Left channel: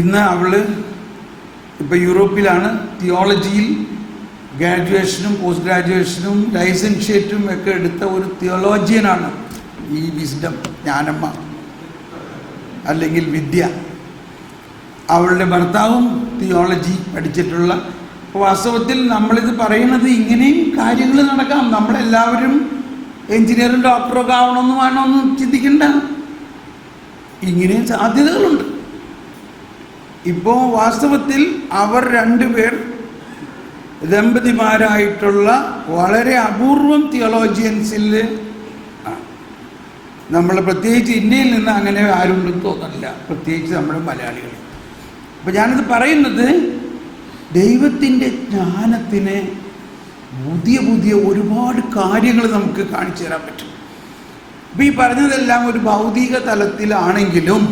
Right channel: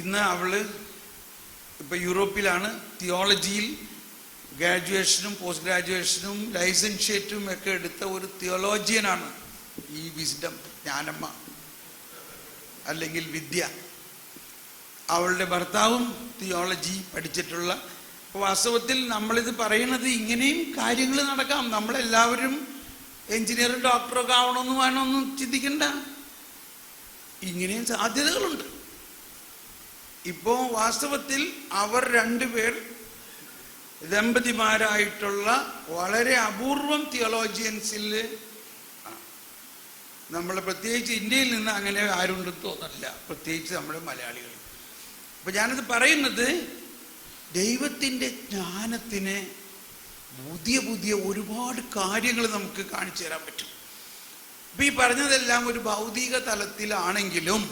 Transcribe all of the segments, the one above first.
ഇന്ന് അവൾ ഇപ്പോൾ യൂറോപ്പിലാണ്. തിയോളജിയിൽ ഗ്രാജുവേഷനും പോസ്റ്റ് ഗ്രാജുവേഷനും ലൈസൻഷ്യേറ്റും ഒക്കെ എടുത്ത ഒരു തിയോളജിയനാണ് ഈ വിസ്ഡം, ജ്ഞാനമ്മ അല്ലെങ്കിൽ വിദ്യ. അവളുടെ ഭർത്താവും തിയോളജി പഠിച്ചിട്ടുള്ള. വാസ്തവത്തിൽ നമ്മളിത് പറയുന്നത് ഇങ്ങനെയും കാര്യങ്ങൾ നടക്കാം. നമ്മളെല്ലാവരും എഞ്ചിനീയറും ഡോക്ടറൊക്കെ ആവണമെന്ന് വേണമെന്നും ചിന്തിക്കണ്ട. ഇങ്ങനെയും സാധ്യതകളുണ്ട്. ഇപ്പോൾ വാസ്തവത്തിൽ അവർ രണ്ടുപേർ ദമ്പതിമാരായിട്ടുള്ള വളരെ അപൂർവം തിയോളജിയൻസിൽ നമ്മൾ പ്രത്യേകിച്ച് ഇന്ത്യയിൽ നിന്ന് അങ്ങനെ ആരുണ്ടെന്ന് തോന്നുന്നില്ല, പ്രത്യേകിച്ച് നമ്മൾ മലയാളികൾ. അപ്പം ഞാനിത് പറയുന്നത് ദൈവത്തിൻ്റെ ജ്ഞാനത്തിന് പുതിയ പുതിയ ഒരുപാട് കാര്യങ്ങൾ നമുക്ക് കാണിച്ചു തരാൻ പറ്റും. ഇപ്പം ഈ പറഞ്ഞതെല്ലാം ഒരു ഭൗതിക തലത്തിലാണെങ്കിലും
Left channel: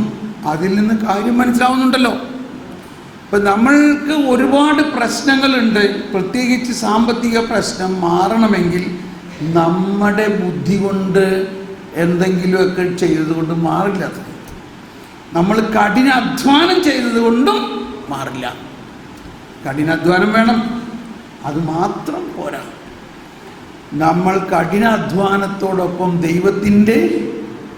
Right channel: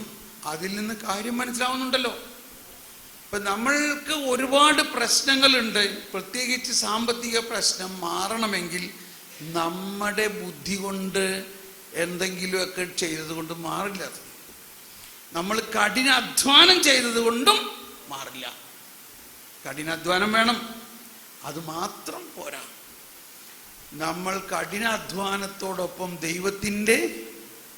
അതിൽ നിന്ന് കാര്യം മനസ്സിലാവുന്നുണ്ടല്ലോ. ഇപ്പം നമ്മൾക്ക് ഒരുപാട് പ്രശ്നങ്ങളുണ്ട്. പ്രത്യേകിച്ച് സാമ്പത്തിക പ്രശ്നം മാറണമെങ്കിൽ നമ്മുടെ ബുദ്ധി കൊണ്ട് എന്തെങ്കിലുമൊക്കെ ചെയ്തതുകൊണ്ട് മാറില്ല. അത് നമ്മൾ കഠിനാധ്വാനം ചെയ്തത് കൊണ്ടും മാറില്ല. കഠിനാധ്വാനം വേണം, അത് മാത്രം പോരാ. നമ്മൾ കഠിനാധ്വാനത്തോടൊപ്പം ദൈവത്തിൻ്റെ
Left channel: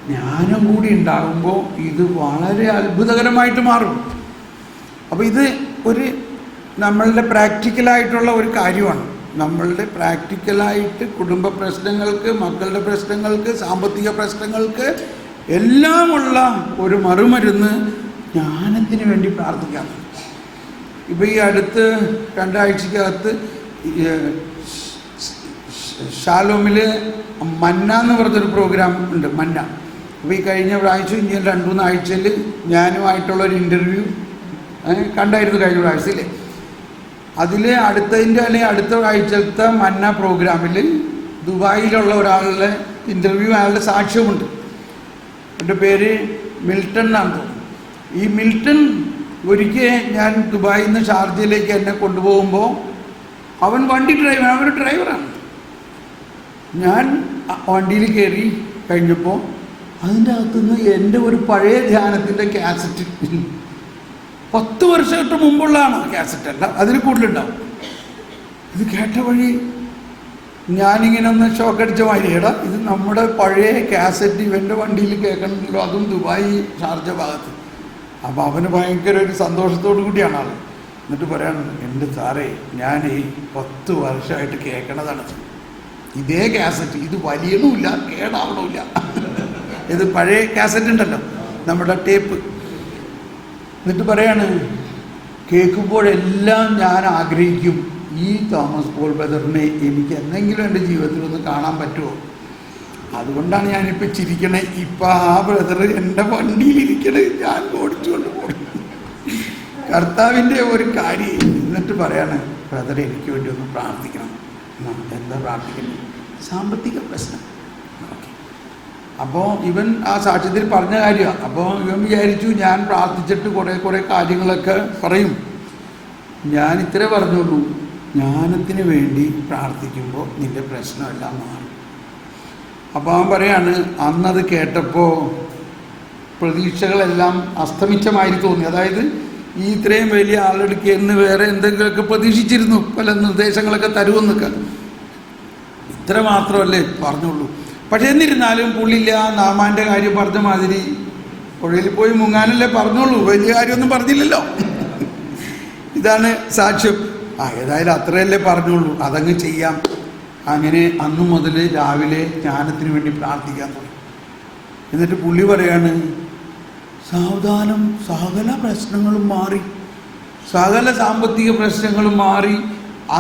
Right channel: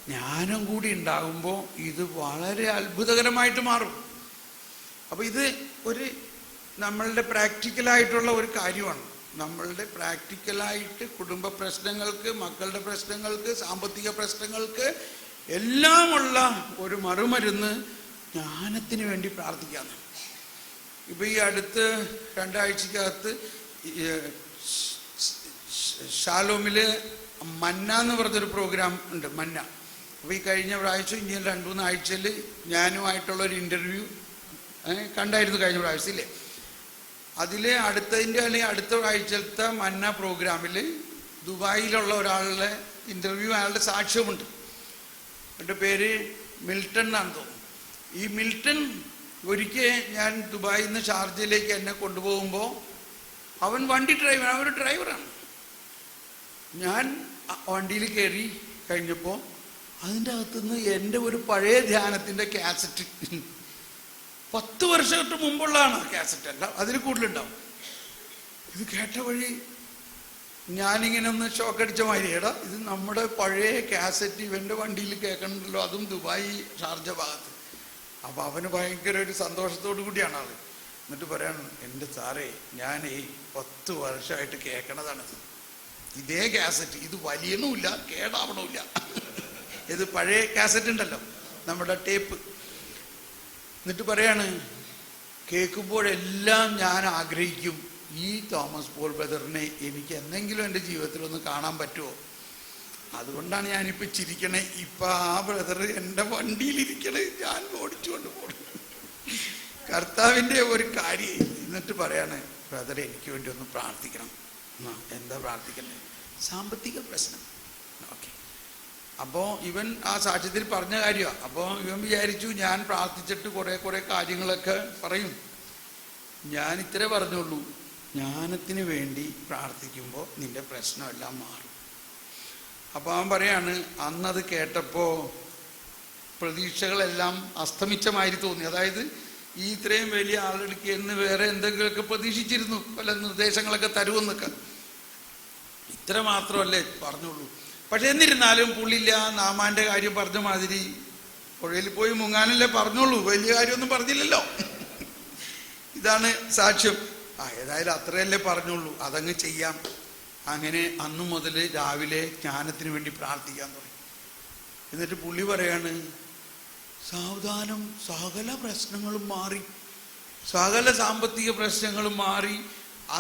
ജ്ഞാനം കൂടി ഉണ്ടാകുമ്പോൾ ഇത് വളരെ അത്ഭുതകരമായിട്ട് മാറും. അപ്പോൾ ഇത് ഒരു നമ്മളുടെ പ്രാക്ടിക്കലായിട്ടുള്ള ഒരു കാര്യമാണ്. നമ്മളുടെ പ്രാക്ടിക്കലായിട്ട് കുടുംബ പ്രശ്നങ്ങൾക്ക്, മക്കളുടെ പ്രശ്നങ്ങൾക്ക്, സാമ്പത്തിക പ്രശ്നങ്ങൾക്ക് എല്ലാമുള്ള ഒരു മറുമരുന്ന് ജ്ഞാനത്തിന് വേണ്ടി പ്രാർത്ഥിക്കാം. ഇപ്പോൾ ഈ അടുത്ത് 2 ആഴ്ചക്കകത്ത് ഷാലോമിൽ മന്ന എന്ന് പറഞ്ഞൊരു പ്രോഗ്രാം ഉണ്ട്, മന്ന. അപ്പോൾ ഈ കഴിഞ്ഞ പ്രാവശ്യം ഇന്ത്യയിൽ 2-3 ആഴ്ചയിൽ ഞാനുമായിട്ടുള്ളൊരു ഇൻ്റർവ്യൂ കണ്ടായിരുന്നു കഴിഞ്ഞ പ്രാവശ്യത്തില്ലേ. അതിൽ അടുത്തതിൻ്റെ അല്ലെങ്കിൽ അടുത്ത ആഴ്ചത്തെ മന്ന പ്രോഗ്രാമിൽ ദുബായിലുള്ള ഒരാളുടെ ഇൻ്റർവ്യൂ, അയാളുടെ സാക്ഷ്യമുണ്ട്. എൻ്റെ പേര് മിൽട്ടൺ എന്നാണ് തോന്നുന്നു. ഈ മിൽട്ടൺ ഒരിക്കൽ ഞാൻ ദുബായിൽ നിന്ന് ഷാർജയിലേക്ക് എന്നെ കൊണ്ടുപോകുമ്പോൾ അവൻ വണ്ടി ഡ്രൈവർ, അവനൊരു ഡ്രൈവറാണ്. ഞാൻ വണ്ടിയിൽ കയറി കഴിഞ്ഞപ്പോൾ അതിൻ്റെ അകത്തുനിന്ന് എൻ്റെ ഒരു പഴയ ധ്യാനത്തിൻ്റെ കാസറ്റ്, 10 വർഷങ്ങൾക്ക് മുമ്പുള്ളതാണ് കാസറ്റ്, അല്ല അതിൽ കൂടുതലുണ്ടാവും. ഇത് കേട്ട വഴി ഞാനിങ്ങനെ ഒന്ന് ഷോക്കടിച്ച മാതിരിയടാ, ഇത് നമ്മുടെ പഴയ കാസറ്റ് ഇവൻ്റെ വണ്ടിയിൽ കേൾക്കണമെന്നല്ലോ, അതും ദുബായ് ഷാർജ ഭാഗത്ത്. അപ്പോൾ അവന് ഭയങ്കര ഒരു സന്തോഷത്തോടു കൂടിയാണ് ആൾ. എന്നിട്ട് പറയാണ്, എൻ്റെ സാറേ ഞാൻ ഈ 10 വർഷമായിട്ട് കേൾക്കണതാണ് ഇതേ കാസറ്റ്, ഇത് വലിയണമില്ല കേടാവണമില്ല. ഇത് പഴയ കാസറ്റ് ഉണ്ടല്ലോ, നമ്മുടെ ടേപ്പ്. എന്നിട്ട് പറയാണ്, കേൾക്കുമ്പോഴെല്ലാം ഞാൻ ആഗ്രഹിക്കും ഈ തോമസ് പോൾ ബ്രദറിനെ എനിക്ക് എന്തെങ്കിലും എൻ്റെ ജീവിതത്തിലൊന്ന് കാണാൻ പറ്റുമോ. അതുകൊണ്ടാണ് ഞാനിപ്പോൾ ചിരിക്കണേ. ഇപ്പം ആ ബ്രദർ എൻ്റെ വണ്ടിയിലിരിക്കണേ, ഞാൻ ഓടിച്ചുകൊണ്ട് പോകണം. കർത്താവിൻ്റെ ഒരു കാര്യം. എന്നിട്ട് പറയാണ്, ബ്രദറെ എനിക്ക് വേണ്ടി ഒന്ന് പ്രാർത്ഥിക്കണം. എന്താ പ്രാർത്ഥിക്കുന്നത്? സാമ്പത്തിക പ്രശ്നം. ഓക്കെ. അപ്പോൾ ഇവൻ ആ സാക്ഷ്യത്തിൽ പറഞ്ഞ കാര്യമാണ്. അപ്പോൾ ഇവൻ വിചാരിച്ചു ഞാൻ പ്രാർത്ഥിച്ചിട്ട് കുറേ കാര്യങ്ങളൊക്കെ പറയും. ഞാൻ ഇത്രേ പറഞ്ഞുള്ളൂ, ജ്ഞാനത്തിന് വേണ്ടി പ്രാർത്ഥിക്കുമ്പോൾ നിൻ്റെ പ്രശ്നമെല്ലാം മാറും. അപ്പോൾ അവൻ പറയാണ്, അന്നത് കേട്ടപ്പോൾ പ്രതീക്ഷകളെല്ലാം അസ്തമിച്ചമാതിരി തോന്നി. അതായത് ഈ ഇത്രയും വലിയ ആളെടുക്ക് എന്ന് വേറെ എന്തെങ്കിലുമൊക്കെ പ്രതീക്ഷിച്ചിരുന്നു, പല നിർദ്ദേശങ്ങളൊക്കെ തരുമെന്നൊക്കെ. ഇത്ര മാത്രമല്ലേ പറഞ്ഞുള്ളൂ. പക്ഷെ എന്നിരുന്നാലും പുള്ളില്ല, നാമാൻ്റെ കാര്യം പറഞ്ഞ മാതിരി പുഴയിൽ പോയി മുങ്ങാനല്ലേ പറഞ്ഞുള്ളൂ, വലിയ കാര്യമൊന്നും പറഞ്ഞില്ലല്ലോ. ഇതാണ് സാക്ഷ്യം. ഏതായാലും അത്രയല്ലേ പറഞ്ഞുള്ളൂ, അതങ്ങ് ചെയ്യാം. അങ്ങനെ അന്നു മുതൽ രാവിലെ ജ്ഞാനത്തിന് വേണ്ടി പ്രാർത്ഥിക്കാൻ തുടങ്ങി. എന്നിട്ട് പുള്ളി പറയാണ്, സാവധാനം സകല പ്രശ്നങ്ങളും മാറി, സകല സാമ്പത്തിക പ്രശ്നങ്ങളും മാറി,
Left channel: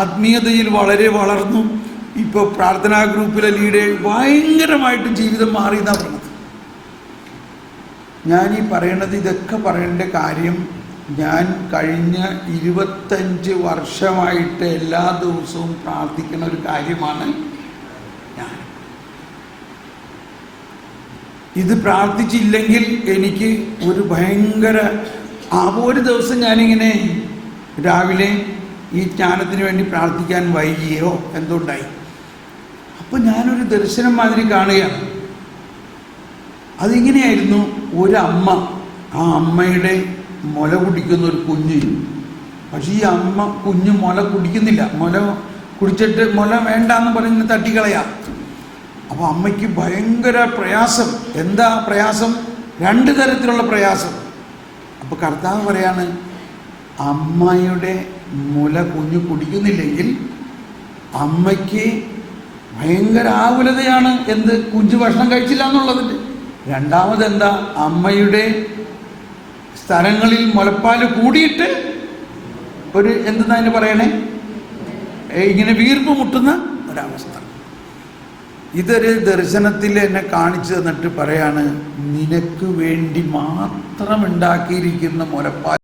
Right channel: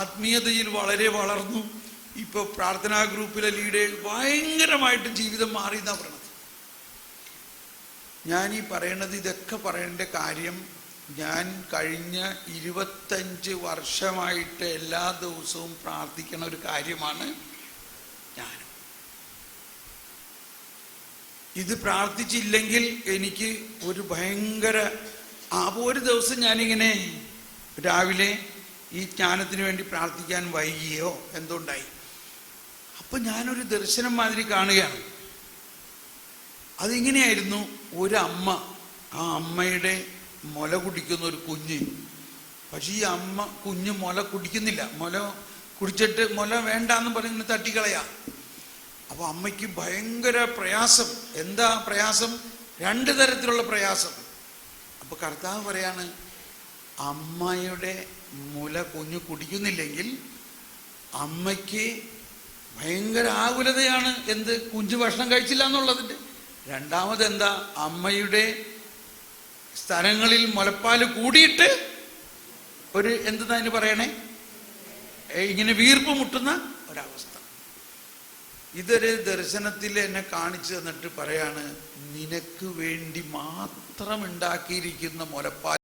ആത്മീയതയിൽ വളരെ വളർന്നു. ഇപ്പോൾ പ്രാർത്ഥനാ ഗ്രൂപ്പിലെ ലീഡർ ഭയങ്കരമായിട്ട് ജീവിതം മാറി എന്നാണ് പറഞ്ഞത്. ഞാനീ പറയണത്, ഇതൊക്കെ പറയേണ്ട കാര്യം, ഞാൻ കഴിഞ്ഞ 25 വർഷമായിട്ട് എല്ലാ ദിവസവും പ്രാർത്ഥിക്കുന്ന ഒരു കാര്യമാണ് ഞാൻ. ഇത് പ്രാർത്ഥിച്ചില്ലെങ്കിൽ എനിക്ക് ഒരു ഭയങ്കര ഒരു ദിവസം ഞാനിങ്ങനെ രാവിലെ ഈ ജ്ഞാനത്തിന് വേണ്ടി പ്രാർത്ഥിക്കാൻ വൈകിയോ എന്തുണ്ടായി. അപ്പോൾ ഞാനൊരു ദർശനം മാതിരി കാണുകയാണ്. അതിങ്ങനെയായിരുന്നു, ഒരമ്മ, ആ അമ്മയുടെ മുല കുടിക്കുന്ന ഒരു കുഞ്ഞ്. പക്ഷേ ഈ അമ്മ കുഞ്ഞ് മുല കുടിക്കുന്നില്ല. മുല കുടിച്ചിട്ട് മുല വേണ്ടാന്ന് പറഞ്ഞ് തട്ടിക്കളയാ. അപ്പോൾ അമ്മയ്ക്ക് ഭയങ്കര പ്രയാസം. എന്താ പ്രയാസം? 2 തരത്തിലുള്ള പ്രയാസം. അപ്പോൾ കർത്താവ് പറയാണ്, അമ്മയുടെ മുല കുഞ്ഞ് കുടിക്കുന്നില്ലെങ്കിൽ അമ്മയ്ക്ക് ഭയങ്കര ആകുലതയാണ്. എന്ത്? കുഞ്ഞ് ഭക്ഷണം കഴിച്ചില്ല എന്നുള്ളതിൻ്റെ. രണ്ടാമതെന്താ? അമ്മയുടെ സ്ഥലങ്ങളിൽ മുലപ്പാൽ കൂടിയിട്ട് ഒരു എന്തെന്നാ അതിന് പറയണേ, ഇങ്ങനെ വീർപ്പ് മുട്ടുന്ന ഒരവസ്ഥ. ഇതൊരു ദർശനത്തിൽ എന്നെ കാണിച്ചു തന്നിട്ട് പറയാണ്, നിനക്ക് വേണ്ടി മാത്രം ഉണ്ടാക്കിയിരിക്കുന്ന മുലപ്പാൽ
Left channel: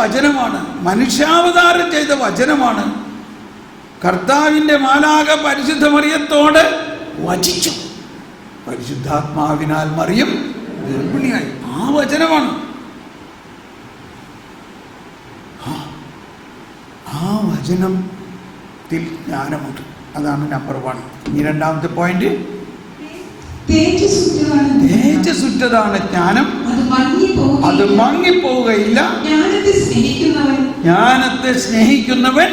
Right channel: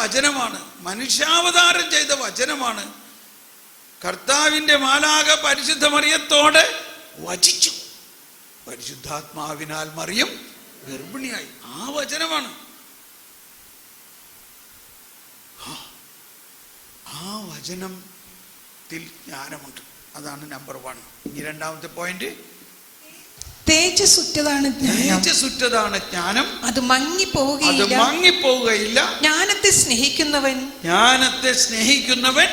വചനമാണ്, മനുഷ്യാവതാരം ചെയ്ത വചനമാണ്. കർത്താവിൻ്റെ മാലാഖ പരിശുദ്ധ മറിയത്തോട് വചിച്ചു, പരിശുദ്ധാത്മാവിനാൽ മറിയം ഗർഭിണിയായി. ആ വചനമാണ്. ആ വചനത്തിൽ ജ്ഞാനമുണ്ട്. അതാണ് നമ്പർ 1. ഇനി രണ്ടാമത്തെ പോയിന്റ്, തേജസ്സുറ്റതാണ് ജ്ഞാനം, അത് മങ്ങിപ്പോവുകയില്ല. ജ്ഞാനത്തെ സ്നേഹിക്കുന്നവൻ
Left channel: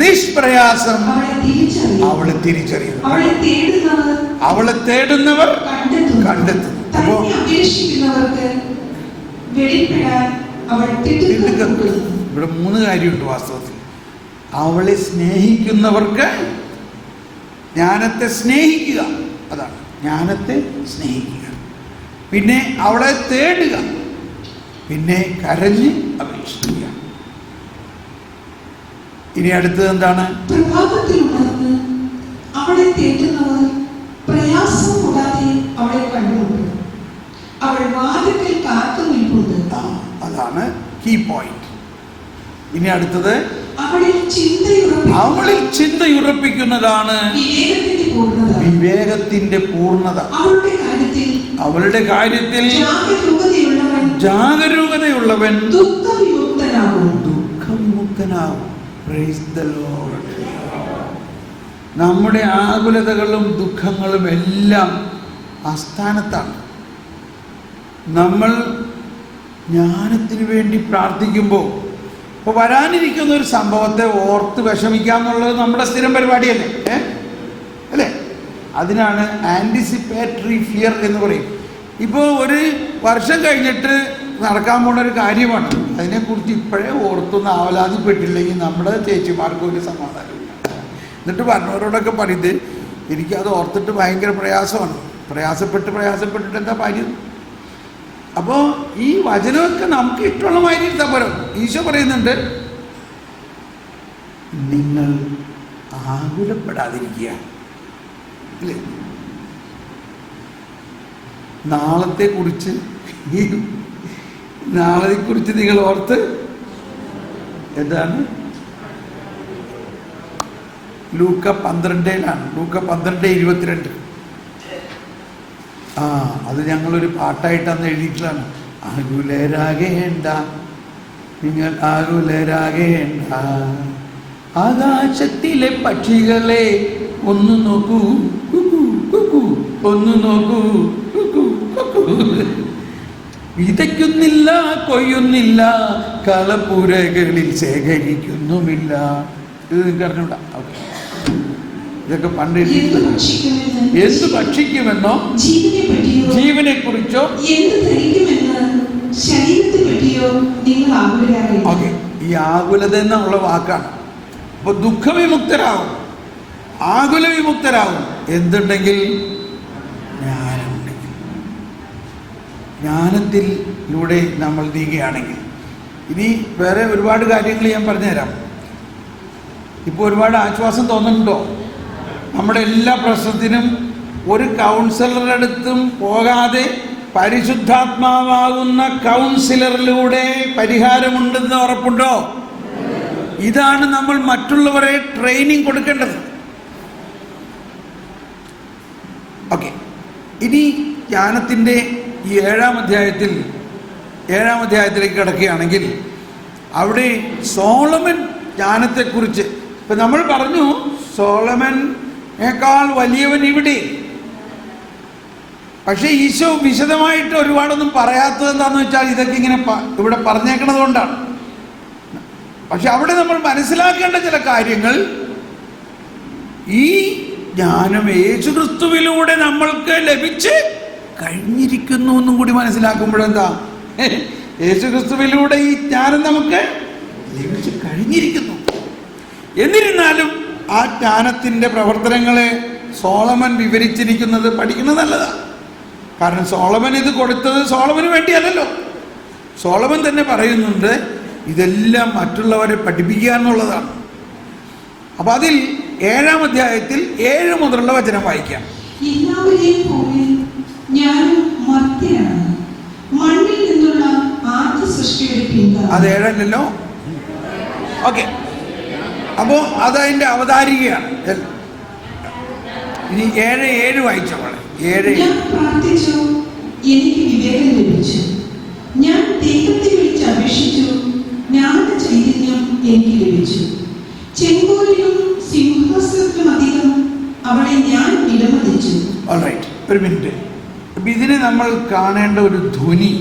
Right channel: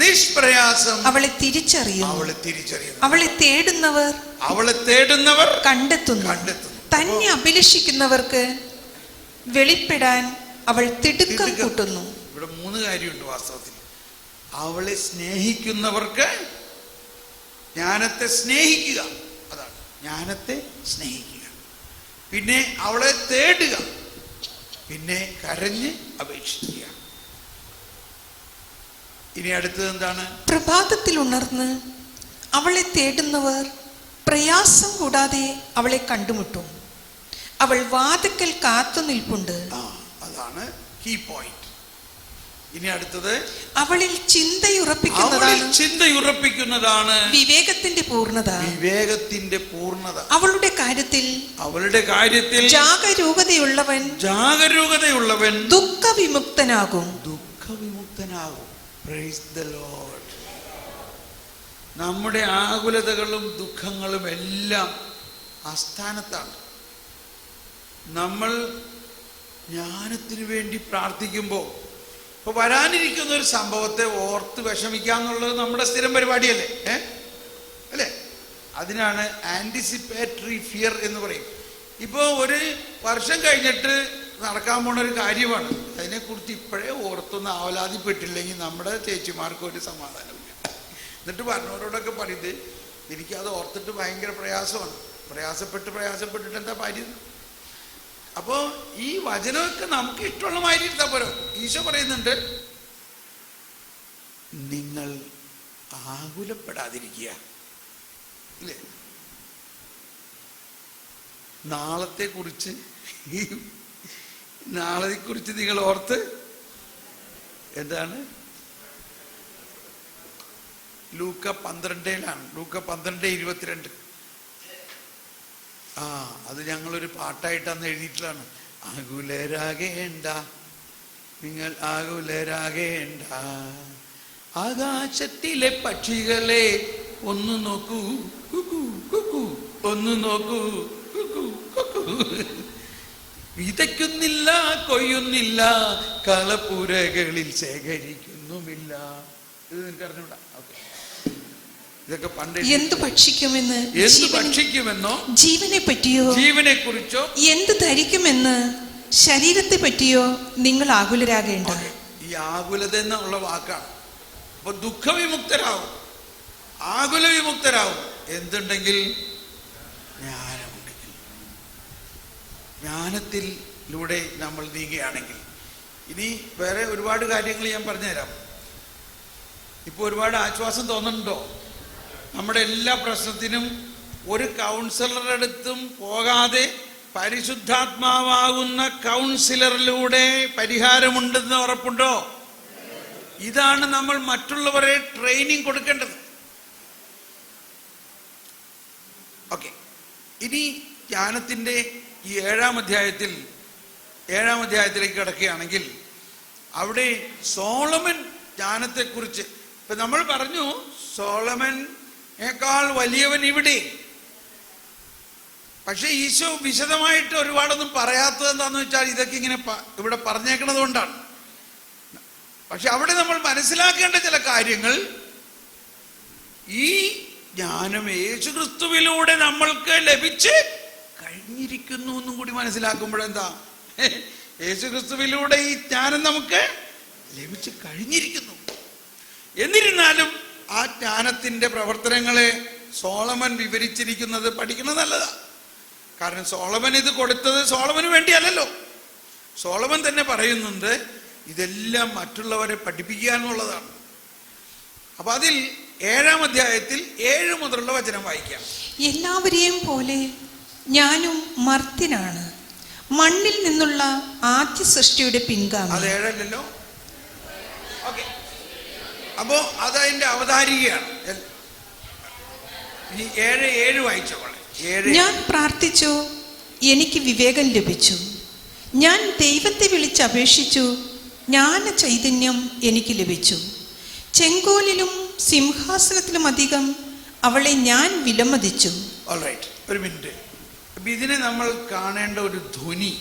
നിഷ്പ്രയാസം അവളെ തിരിച്ചറിയും. അവളെ തേടുന്നവർ കണ്ടെത്തുന്നു. തന്നെ അഭിലഷിക്കുന്നവർക്ക് വെളിപ്പെടാൻ അവൾ തിടുക്കപ്പെടുന്നു. ഇവിടെ 3 കാര്യമുണ്ട് വാസ്തവത്തിൽ. അവളെ സ്നേഹിക്കുന്നവർക്ക് ജ്ഞാനത്തെ സ്നേഹിക്കുക, അതാണ് ജ്ഞാനത്തെ സ്നേഹിക്കുക. പിന്നെ അവളെ തേടുക, പിന്നെ കരഞ്ഞ് അപേക്ഷിക്കുക. ഇനി അടുത്തത് എന്താണ്? പ്രഭാതത്തിൽ ഉണർന്ന് അവളെ തേടുന്നവർ പ്രയാസം കൂടാതെ അവളെ കണ്ടുമുട്ടും. അവൾ വാതിക്കൽ കാത്തു നിൽപ്പുണ്ട്. അതാണ് കീ പോയിന്റ്. ഇനി അടുത്തത്, അവളിൽ ചിന്തയുറപ്പിക്കുന്നതാണ് വിവേകത്തിന്റെ പൂർണ്ണത. അവളുടെ കാര്യത്തിൽ ജാഗരൂകതയുള്ളവൻ ദുഃഖവിമുക്തനാകും. Praise the lord. നമ്മുടെ ആകുലതകളും ദുഃഖങ്ങളും എല്ലാം ആസ്ഥാനത്താണ്. നമ്മൾ ജ്ഞാനത്തിന് വേണ്ടി പ്രാർത്ഥിക്കുമ്പോൾ, ഇപ്പോൾ വരാനിരിക്കുന്ന ഒരു സംഭവത്തെ ഓർത്ത് വിഷമിക്കാന്നുള്ളത് നമ്മുടെ സ്ഥിരം പരിപാടിയല്ലേ, അല്ലേ? അതിനാണ് ആൻറ്റിസിപ്പേറ്ററി ഫിയർ എന്ന് പറയും. ഇപ്പോൾ ഒരു വർഷം കഴിഞ്ഞിട്ട് നടക്കാൻ പോണ ഒരു കാര്യമാണ്, അതിനെക്കുറിച്ച് ഇപ്പോഴേ ഓർത്തൊന്നും ആവലാതിപ്പെട്ടില്ലെങ്കിൽ നമ്മുടെ ചേച്ചിമാർക്ക് ഒരു സമാധാനമില്ല. എന്നിട്ട് പറഞ്ഞവരോടൊക്കെ പറയുന്നത്, എനിക്കത് ഓർത്തിട്ട് ഭയങ്കര പ്രയാസമാണ്, പ്രയാസപ്പെട്ടിട്ട് എന്താ കാര്യം? അപ്പോൾ ഈ വചനമൊക്കെ നമുക്ക് ഇഷ്ടമുള്ള മാതിരി ഇരുത്താൻ പോലും. ഈശോ പറയുന്നുണ്ട്, നിങ്ങൾ ആകുലപ്പെടാതിരിക്കുക, അല്ലേ? നാളത്തെക്കുറിച്ച് നിങ്ങൾ ഓർത്ത് എന്താണ്? ലൂക്ക 12-ലാണ്. ലൂക്ക 12:22. അത് ഞങ്ങളൊരു പാട്ടായിട്ട് അന്ന് എഴുതിയിട്ടാണ്. ആകുലരാകേണ്ട, നിങ്ങൾ ആകുലരാകേണ്ട, ആകാശത്തിലെ പക്ഷികളെ ഒന്ന് നോക്കൂ, ഒന്ന് നോക്കൂ, വിതയ്ക്കുന്നില്ല, കൊയ്യുന്നില്ല, കളപ്പുരകളിൽ ശേഖരിക്കുന്നുമില്ല. ഇത് നിങ്ങൾക്ക് അറിഞ്ഞൂടാ? ഇതൊക്കെ പണ്ട് എന്ത് ഭക്ഷിക്കുമെന്നോ, ജീവനെ കുറിച്ചോ, എന്ത് ധരിക്കുമെന്ന് ശരീരത്തെ പറ്റിയോ നിങ്ങൾ ആകുലരാകേണ്ട. ഈ ആകുലത എന്നുള്ള വാക്കാണ്. അപ്പൊ ദുഃഖവിമുക്തരാകും, ആകുല വിമുക്തരാകും എന്തുണ്ടെങ്കിൽ? ജ്ഞാനമുണ്ടെങ്കിൽ. ജ്ഞാനത്തിലൂടെ നമ്മൾ നീങ്ങുകയാണെങ്കിൽ. ഇനി വേറെ ഒരുപാട് കാര്യങ്ങൾ ഞാൻ പറഞ്ഞുതരാം. ഇപ്പോൾ ഒരുപാട് ആശ്വാസം തോന്നുന്നുണ്ടോ? നമ്മുടെ എല്ലാ പ്രശ്നത്തിനും ഒരു കൗൺസിലറുടെ അടുത്തും പോകാതെ പരിശുദ്ധാത്മാവാകുന്ന കൗൺസിലറിലൂടെ പരിഹാരമുണ്ടെന്ന് ഉറപ്പുണ്ടോ? ഇതാണ് നമ്മൾ മറ്റുള്ളവരെ ട്രെയിനിങ് കൊടുക്കേണ്ടത്. ഓക്കെ, ഇനി ജ്ഞാനത്തിൻ്റെ ഈ 7-ാം അധ്യായത്തിലേക്ക് കിടക്കുകയാണെങ്കിൽ, അവിടെ സോളമൻ ജ്ഞാനത്തെക്കുറിച്ച് ഇപ്പം നമ്മൾ പറഞ്ഞു, സോളമനേക്കാൾ വലിയവൻ ഇവിടെ. പക്ഷെ ഈശോ വിശദമായിട്ട് ഒരുപാടൊന്നും പറയാത്തത് എന്താണെന്ന് വെച്ചാൽ, ഇതൊക്കെ ഇങ്ങനെ ഇവിടെ പറഞ്ഞേക്കണത് കൊണ്ടാണ്. പക്ഷെ അവിടെ നമ്മൾ മനസ്സിലാക്കേണ്ട ചില കാര്യങ്ങൾ, ഈ ജ്ഞാനം യേശുക്രിസ്തുവിലൂടെ നമ്മൾക്ക് ലഭിച്ച് കഴിഞ്ഞിരിക്കുന്നു എന്നും കൂടി മനസ്സിലാക്കുമ്പോഴെന്താ, യേശുക്രിസ്തുവിലൂടെ ഈ ജ്ഞാനം നമുക്ക് ലഭിച്ച് കഴിഞ്ഞിരിക്കുന്നു. എന്നിരുന്നാലും ആ ജ്ഞാനത്തിൻ്റെ പ്രവർത്തനങ്ങളെ സോളമൻ വിവരിച്ചിരിക്കുന്നത് പഠിക്കുന്നത് നല്ലതാണ്. കാരണം സോളമൻ ഇത് കൊടുത്തത് സോളമന് വേണ്ടിയല്ലല്ലോ. സോളമൻ തന്നെ പറയുന്നുണ്ട്, ഇതെല്ലാം മറ്റുള്ളവരെ പഠിപ്പിക്കുക എന്നുള്ളതാണ്. അപ്പൊ അതിൽ 7-ാം അധ്യായത്തിൽ 7 മുതലുള്ള വചനം വായിക്കാം. എല്ലാവരെയും പോലെ ഞാനും മർത്യനാണ്, മണ്ണിൽ നിന്നുള്ള ആദ്യ സൃഷ്ടി സൃഷ്ടിയുടെ പിൻഗാമി. അത് 7 അല്ലല്ലോ. ഓക്കെ, അപ്പോൾ അതതിൻ്റെ അവതാരികയാണ്. ഇനി 7:7 വായിച്ചോളെ. 7 ഞാൻ പ്രാർത്ഥിച്ചു, എനിക്ക് വിവേകം ലഭിച്ചു. ഞാൻ ദൈവത്തെ വിളിച്ചപേക്ഷിച്ചു, ജ്ഞാന ചൈതന്യം എനിക്ക് ലഭിച്ചു. ചെങ്കോലിലും സിംഹാസനത്തിലും അധികം അവളെ ഞാൻ വിലമതിച്ചു. ഓൾറൈറ്റ്, ഒരു മിനിറ്റ്. അപ്പം ഇതിന് നമ്മൾ കാണേണ്ട ഒരു ധ്വനി.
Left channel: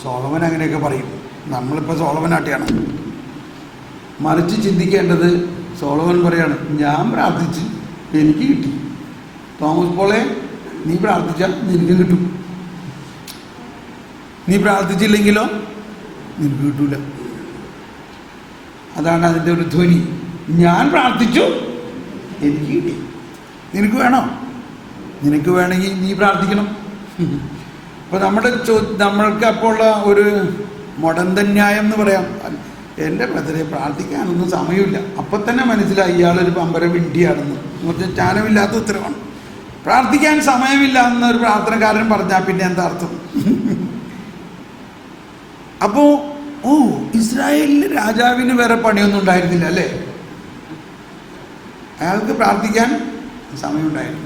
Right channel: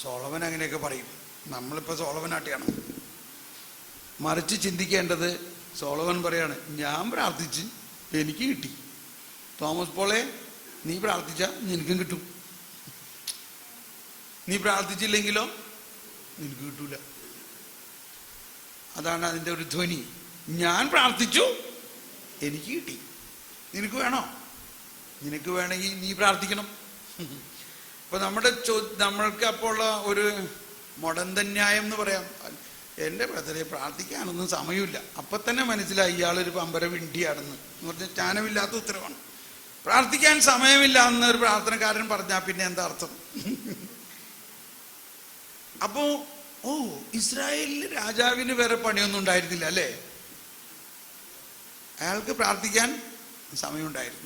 സോളമൻ അങ്ങനെയൊക്കെ പറയും. നമ്മളിപ്പോൾ സോളമനാട്ടിയാണ്. മറിച്ച് ചിന്തിക്കേണ്ടത്, സോളമൻ പറയാണ്, ഞാൻ പ്രാർത്ഥിച്ച് എനിക്ക് കിട്ടി. തോമസ് പോളെ, നീ പ്രാർത്ഥിച്ചാൽ നിനക്കും കിട്ടും, നീ പ്രാർത്ഥിച്ചില്ലെങ്കിലോ നിനക്ക് കിട്ടൂല. അതാണ് അതിൻ്റെ ഒരു ധ്വനി. ഞാൻ പ്രാർത്ഥിച്ചു, എനിക്ക് കിട്ടി. നിനക്ക് വേണോ? നിനക്ക് വേണമെങ്കിൽ നീ പ്രാർത്ഥിക്കണം. അപ്പോൾ നമ്മൾക്ക് അപ്പോൾ ഉള്ള ഒരു മുടന്തൻ ന്യായം എന്ന് പറയാം, എൻ്റെ ബ്രദറെ പ്രാർത്ഥിക്കാനൊന്നും സമയമില്ല. അപ്പം തന്നെ മനസ്സിലായി ഇയാളൊരു പമ്പര വിഡ്ഢിയാണെന്ന്. എന്ന് വെച്ചാൽ ജ്ഞാനമില്ലാത്ത ഉത്തരവാണ്. പ്രാർത്ഥിക്കാൻ സമയമില്ല എന്നൊരു പ്രാർത്ഥനക്കാരൻ പറഞ്ഞാൽ പിന്നെ എന്താ അർത്ഥം? അപ്പോൾ ഇസ്രായേലിൽ രാജാവിന് വേറെ പണിയൊന്നും ഉണ്ടായിരുന്നില്ല അല്ലേ? അയാൾക്ക് പ്രാർത്ഥിക്കാൻ സമയമുണ്ടായിരുന്നു.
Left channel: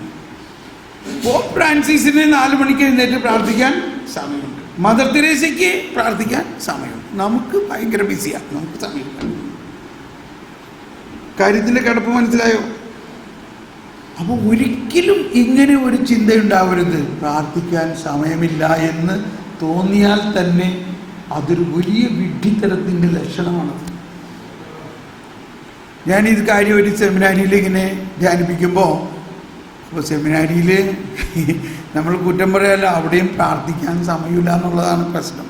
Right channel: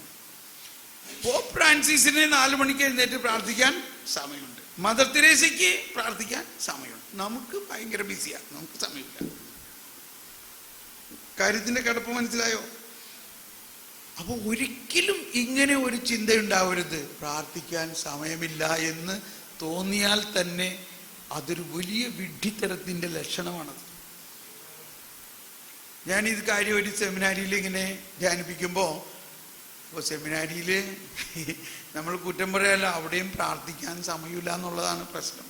പോപ്പ് ഫ്രാൻസിസിന് 4 മണിക്ക് എഴുന്നേറ്റ് പ്രാർത്ഥിക്കാൻ സമയമുണ്ട്. മദർ തെരേസയ്ക്ക് പ്രാർത്ഥിക്കാൻ സമയമുണ്ട്. നമുക്ക് ഭയങ്കര ബിസിയാണ്, നമുക്ക് സമയമില്ല. കാര്യത്തിൻ്റെ കിടപ്പ് മനസ്സിലായോ? അപ്പോൾ ഒരിക്കലും ഇങ്ങനെ ഒരു ചിന്തയുണ്ടാവരുത്. പ്രാർത്ഥിക്കാൻ സമയമില്ല എന്ന് തോന്നിയാൽ തന്നെ അതൊരു വലിയ വിഡ്ഢിത്തരത്തിൻ്റെ ലക്ഷണമാണത്. ഞാനിത് കാര്യം ഒരു സെമിനാരിയിൽ ഇങ്ങനെ ധ്യാനിപ്പിക്കുമ്പോൾ, അപ്പോൾ സെമിനാരിയിൽ നമ്മൾ കുറ്റം പറയല്ല, അവിടെയും പ്രാർത്ഥിക്കാൻ സമയമില്ല എന്നുള്ളതാണ് പ്രശ്നം.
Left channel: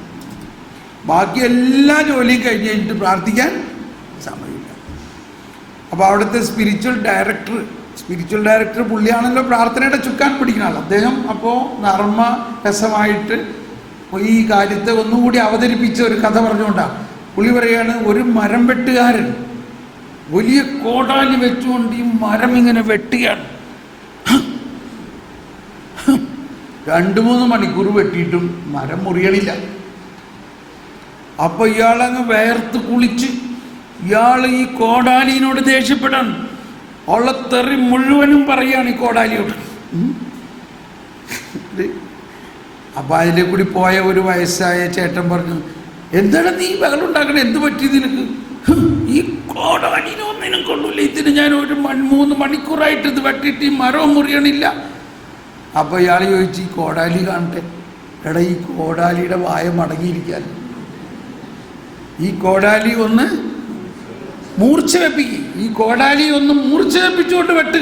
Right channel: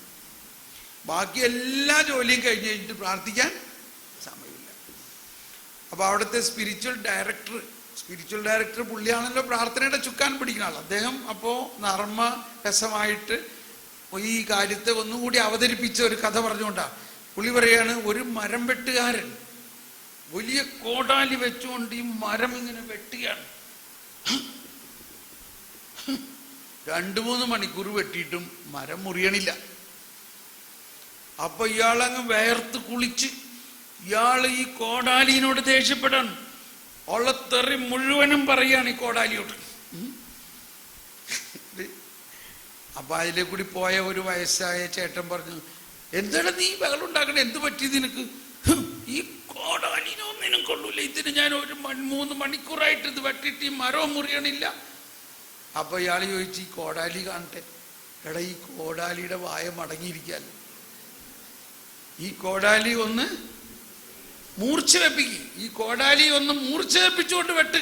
ബാക്കി എല്ലാ ജോലിയും കഴിഞ്ഞ് കഴിഞ്ഞിട്ട് പ്രാർത്ഥിക്കാൻ സമയമില്ല. അപ്പോൾ അവിടുത്തെ സ്പിരിച്വൽ ഡയറക്ടർ പുള്ളിയാണല്ലോ പ്രാർത്ഥനയുടെ ചുക്കാൻ പിടിക്കുന്ന ആൾ. അദ്ദേഹം അപ്പോൾ നർമ്മരസമായിട്ട് ഈ കാര്യത്തെ ഒന്നുകൂടി അവതരിപ്പിച്ച ഒരു കഥ പറഞ്ഞുകൊണ്ടാണ്. പുള്ളി പറയാണ്, ഒരു മരം വെട്ടുകാരൻ വലിയ കോടാലി വെച്ചുകൊണ്ട് ഈ മരം ഇങ്ങനെ വെട്ടുകയാണ്. 2-3 മണിക്കൂർ വെട്ടിയിട്ടും മരം മുറിയണില്ല. അപ്പൊ ഇയാളങ്ങ് വേർത്ത് കുളിച്ച് ഇയാൾ ഈ കോടാലിനോട് ദേഷ്യപ്പെടാൻ ഉള്ള തെറി മുഴുവനും പറയാണ് ഈ കോടാലിയോട്. അപ്പൊ അതിലെ കൂടി പോയ ഒരു വയസ്സായ ചേട്ടൻ പറഞ്ഞു, എന്താണ് നീ ബഹളുണ്ടാക്കണേ, എന്ത് പറ്റി നിനക്ക്? ഈ കോടാലിനൊന്നിനും കൊള്ളില്ല, ഇതിന് ഞാൻ 3 മണിക്കൂറായിട്ട് ഇത് വെട്ടിയിട്ട് ഈ മരവും മുറിയണില്ല. അപ്പൊ ഇയാൾ ചോദിച്ചു, ഈ കോടാലി കാണട്ടെ. എടാ, ഈ കോടാലിയുടെ വായ മടങ്ങിയിരിക്കാൻ, ഈ കോടാലി ഒന്ന് മൂർച്ച വെപ്പിക്കും, ഈ കോടാലി ഒന്ന് മൂർച്ച വെപ്പിച്ചുകൊണ്ട് വെട്ട്.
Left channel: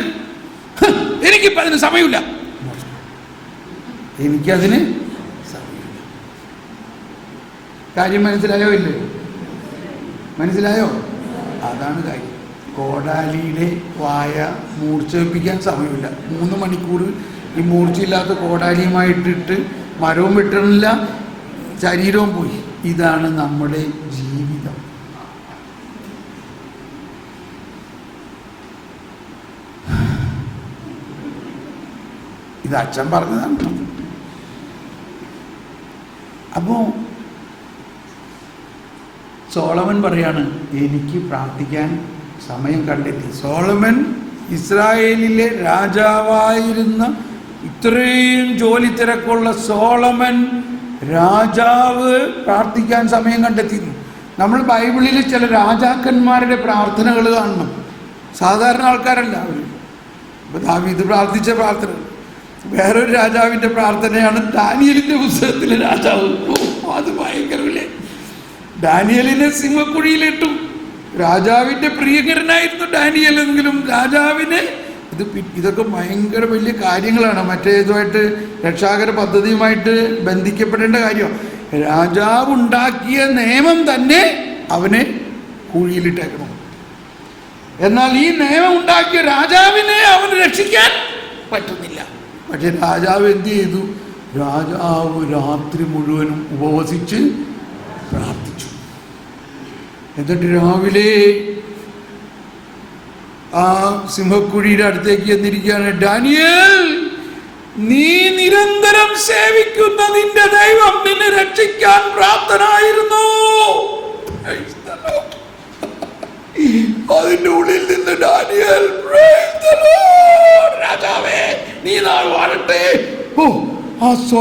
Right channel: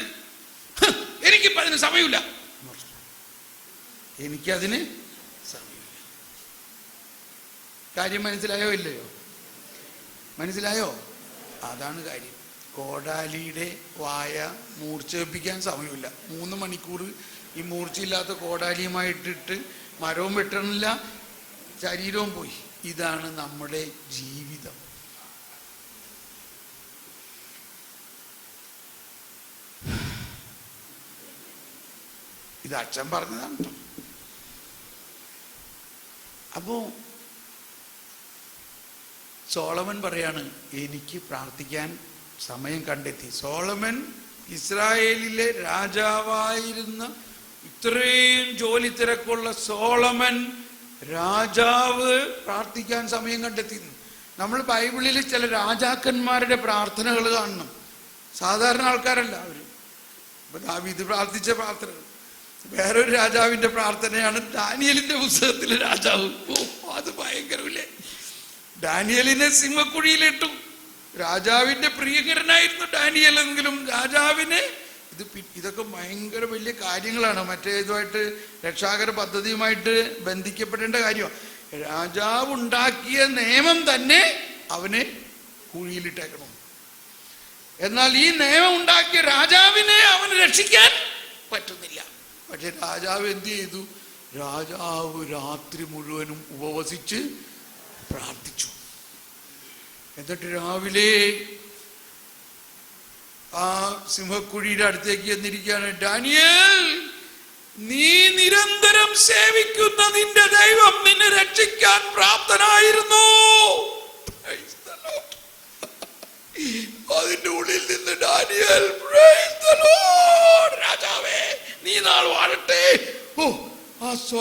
എനിക്കിപ്പോൾ അതിന് സമയമില്ല, എനിക്കതിന് സമയമില്ല. കാര്യം മനസ്സിലായോ? ഇല്ലേ? മനസ്സിലായോ? അതാണ് കാര്യം. കോടാലിയുടെ വായ മൂർച്ച വെപ്പിക്കാൻ സമയമില്ല. 3 മണിക്കൂർ ഈ മൂർച്ചയില്ലാത്ത കോടാലിയുമായിട്ടിട്ട് മരവും വെട്ടണില്ല, ശരീരവും പോയി. ഇതാണ് നമ്മുടെ ജീവിതം. ഇത് അച്ഛൻ പറഞ്ഞതാണ്. അപ്പോൾ സോളമൻ പറയാണ്, എനിക്ക് പ്രാർത്ഥിക്കാൻ സമയം കണ്ടെത്തി. സോളമൻ ഇസ്രായേലിലെ രാജാവായിരുന്ന, ഇത്രയും ജോലി തിരക്കുള്ള സോളമൻ രാജാവ് പ്രാർത്ഥിക്കാൻ സമയം കണ്ടെത്തി. നമ്മൾ ബൈബിളിൽ ചില രാജാക്കന്മാരുടെ പ്രാർത്ഥനകൾ കാണണം. സാധാരണ ആൾക്കാരല്ല അവർ. ഇപ്പോൾ ദാവീദ് പ്രാർത്ഥിച്ച പ്രാർത്ഥന വേറൊരു രാജാവിൻ്റെ പ്രാർത്ഥനയാണ്. ദാനിയേലിൻ്റെ പുസ്തകത്തിലെ രാജാവ്, അത് ഭയങ്കരമില്ലേ. ദാനിയേലിനെ സിംഹക്കുഴിയിലിട്ടു. രാജാവിൻ്റെ പ്രിയങ്കരനായിരുന്നു ഡാനിയേൽ. എങ്കിലും രാജാവിനെ ഇതൊക്കെ ഭയങ്കര വലിയ കാര്യങ്ങളാണ്. മറ്റേതുമായിട്ട് രക്ഷാകര പദ്ധതിയുമായിട്ട് ബന്ധിക്കപ്പെടേണ്ട കാര്യമാണ്. രാജാവ് ഉണ്ടാക്കിയ നിയമം തന്നെ അവനെ കുഴിയിലിട്ടേക്കണം. എന്നാൽ ഈ നിയമം ഉണ്ടാക്കിയ രാജാവിനെ അവന് രക്ഷിക്കാൻ പറ്റുന്നില്ല. പക്ഷെ രാജാവ് എന്ത് ചെയ്തു? രാജാവ് രാത്രി മുഴുവനും ഉപവസിച്ച് പ്രാർത്ഥിച്ചു. എന്നിട്ട് രാവിലെ ആ സിംഹക്കുഴിയുടെ അടുത്തേക്ക് എന്നിരിക്കുകയാണ്. ഡാനിയേൽ, നീ നിരന്തരം സേവിക്കുന്ന നിന്റെ ദൈവം നിന്നെ രക്ഷിക്കാൻ പ്രാപ്തനായിരുന്നു.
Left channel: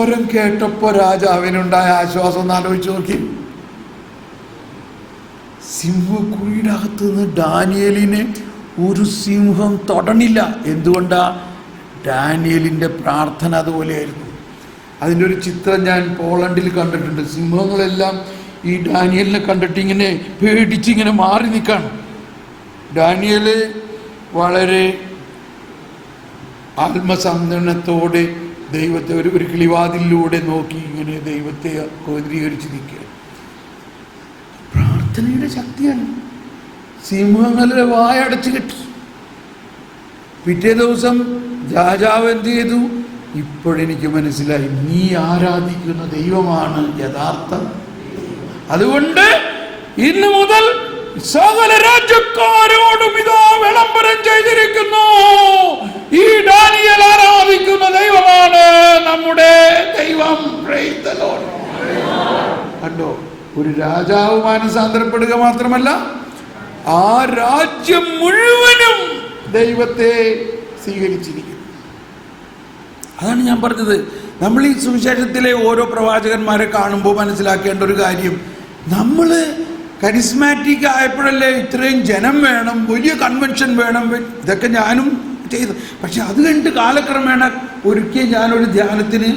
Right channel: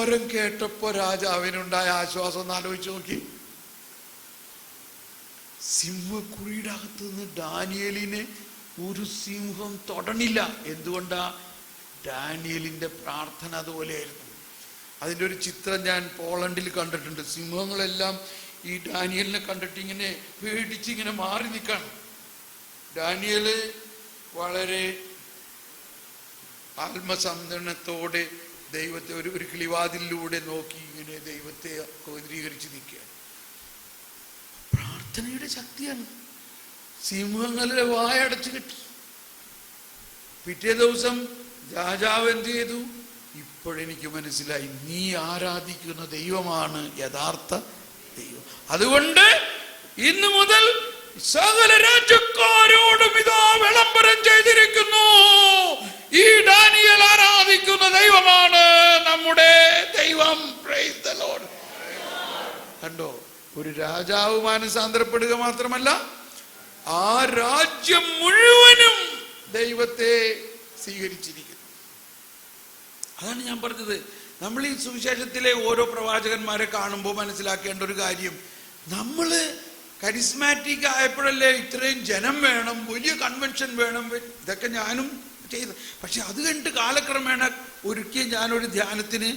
സ്വരം കേട്ടപ്പോ രാജാവിനുണ്ടായ ആശ്വാസം ഒന്ന് ആലോചിച്ച് നോക്കി. സിംഹക്കുഴിയുടെ അകത്ത് നിന്ന് ഡാനിയേലിനെ ഒരു സിംഹം തൊടണില്ല. എന്തുകൊണ്ടാ? ഡാനിയേലിൻ്റെ പ്രാർത്ഥന അതുപോലെയായിരുന്നു. അതിൻ്റെ ഒരു ചിത്രം ഞാൻ പോളണ്ടിൽ കണ്ടിട്ടുണ്ട്. സിംഹങ്ങളെല്ലാം ഈ ഡാനിയേലിനെ കണ്ടിട്ട് ഇങ്ങനെ പേടിച്ചിങ്ങനെ മാറി നിൽക്കാണ്. ഡാനിയേൽ വളരെ ആത്മസംതരണത്തോടെ ദൈവത്തെ ഒരു കിളിവാതിലൂടെ നോക്കി ഇങ്ങനെ ദൈവത്തെ കേന്ദ്രീകരിച്ച് നിൽക്കുക. പ്രാർത്ഥനയുടെ ശക്തിയാണ്. സിംഹങ്ങളുടെ വായടച്ചു കെട്ടി. പിറ്റേ ദിവസം രാജാവ് എന്ത് ചെയ്തു? ഇപ്പോഴെനിക്ക് മനസ്സിലായി, നീ ആരാധിക്കുന്ന ദൈവമാണ് യഥാർത്ഥ. അതുകൊണ്ട് ഇന്നു മുതൽ സകല രാജ്യക്കാരോടും ഇതാ വിളംബരം ചെയ്തിരിക്കുന്നു, ഈ ഡാനിയേൽ ആരാധിക്കുന്ന ദൈവമാണ് നമ്മുടെ ദൈവം. Price the Lord. കണ്ടോ, ഒരു രാജാവ് മാനസാന്തരപ്പെടുക മാത്രമല്ല, ആ രാജ്യം മുഴുവനും ദൈവത്തെ സ്വീകരിച്ചിരിക്കുന്നു. അതാണ് ഞാൻ പറഞ്ഞത്. നമ്മൾ ഈ സുവിശേഷത്തിലെ ഓരോ പ്രവാചകന്മാരെ കാണുമ്പോൾ മനസ്സിലാക്കേണ്ട ഒരു കാര്യം, നമ്മൾ കരിസ്മാറ്റിക് ആയപ്പോഴല്ലേ ഇത്രയും ജനം വേണം, വലിയ കൺവെൻഷൻ വേണം, ഇതൊക്കെ ഞാനും ചെയ്തു. പക്ഷെ അത് കഴിഞ്ഞിട്ട് കാലക്രമേണ ഒരിക്കൽ ഞാനൊരു ധ്യാനത്തിന്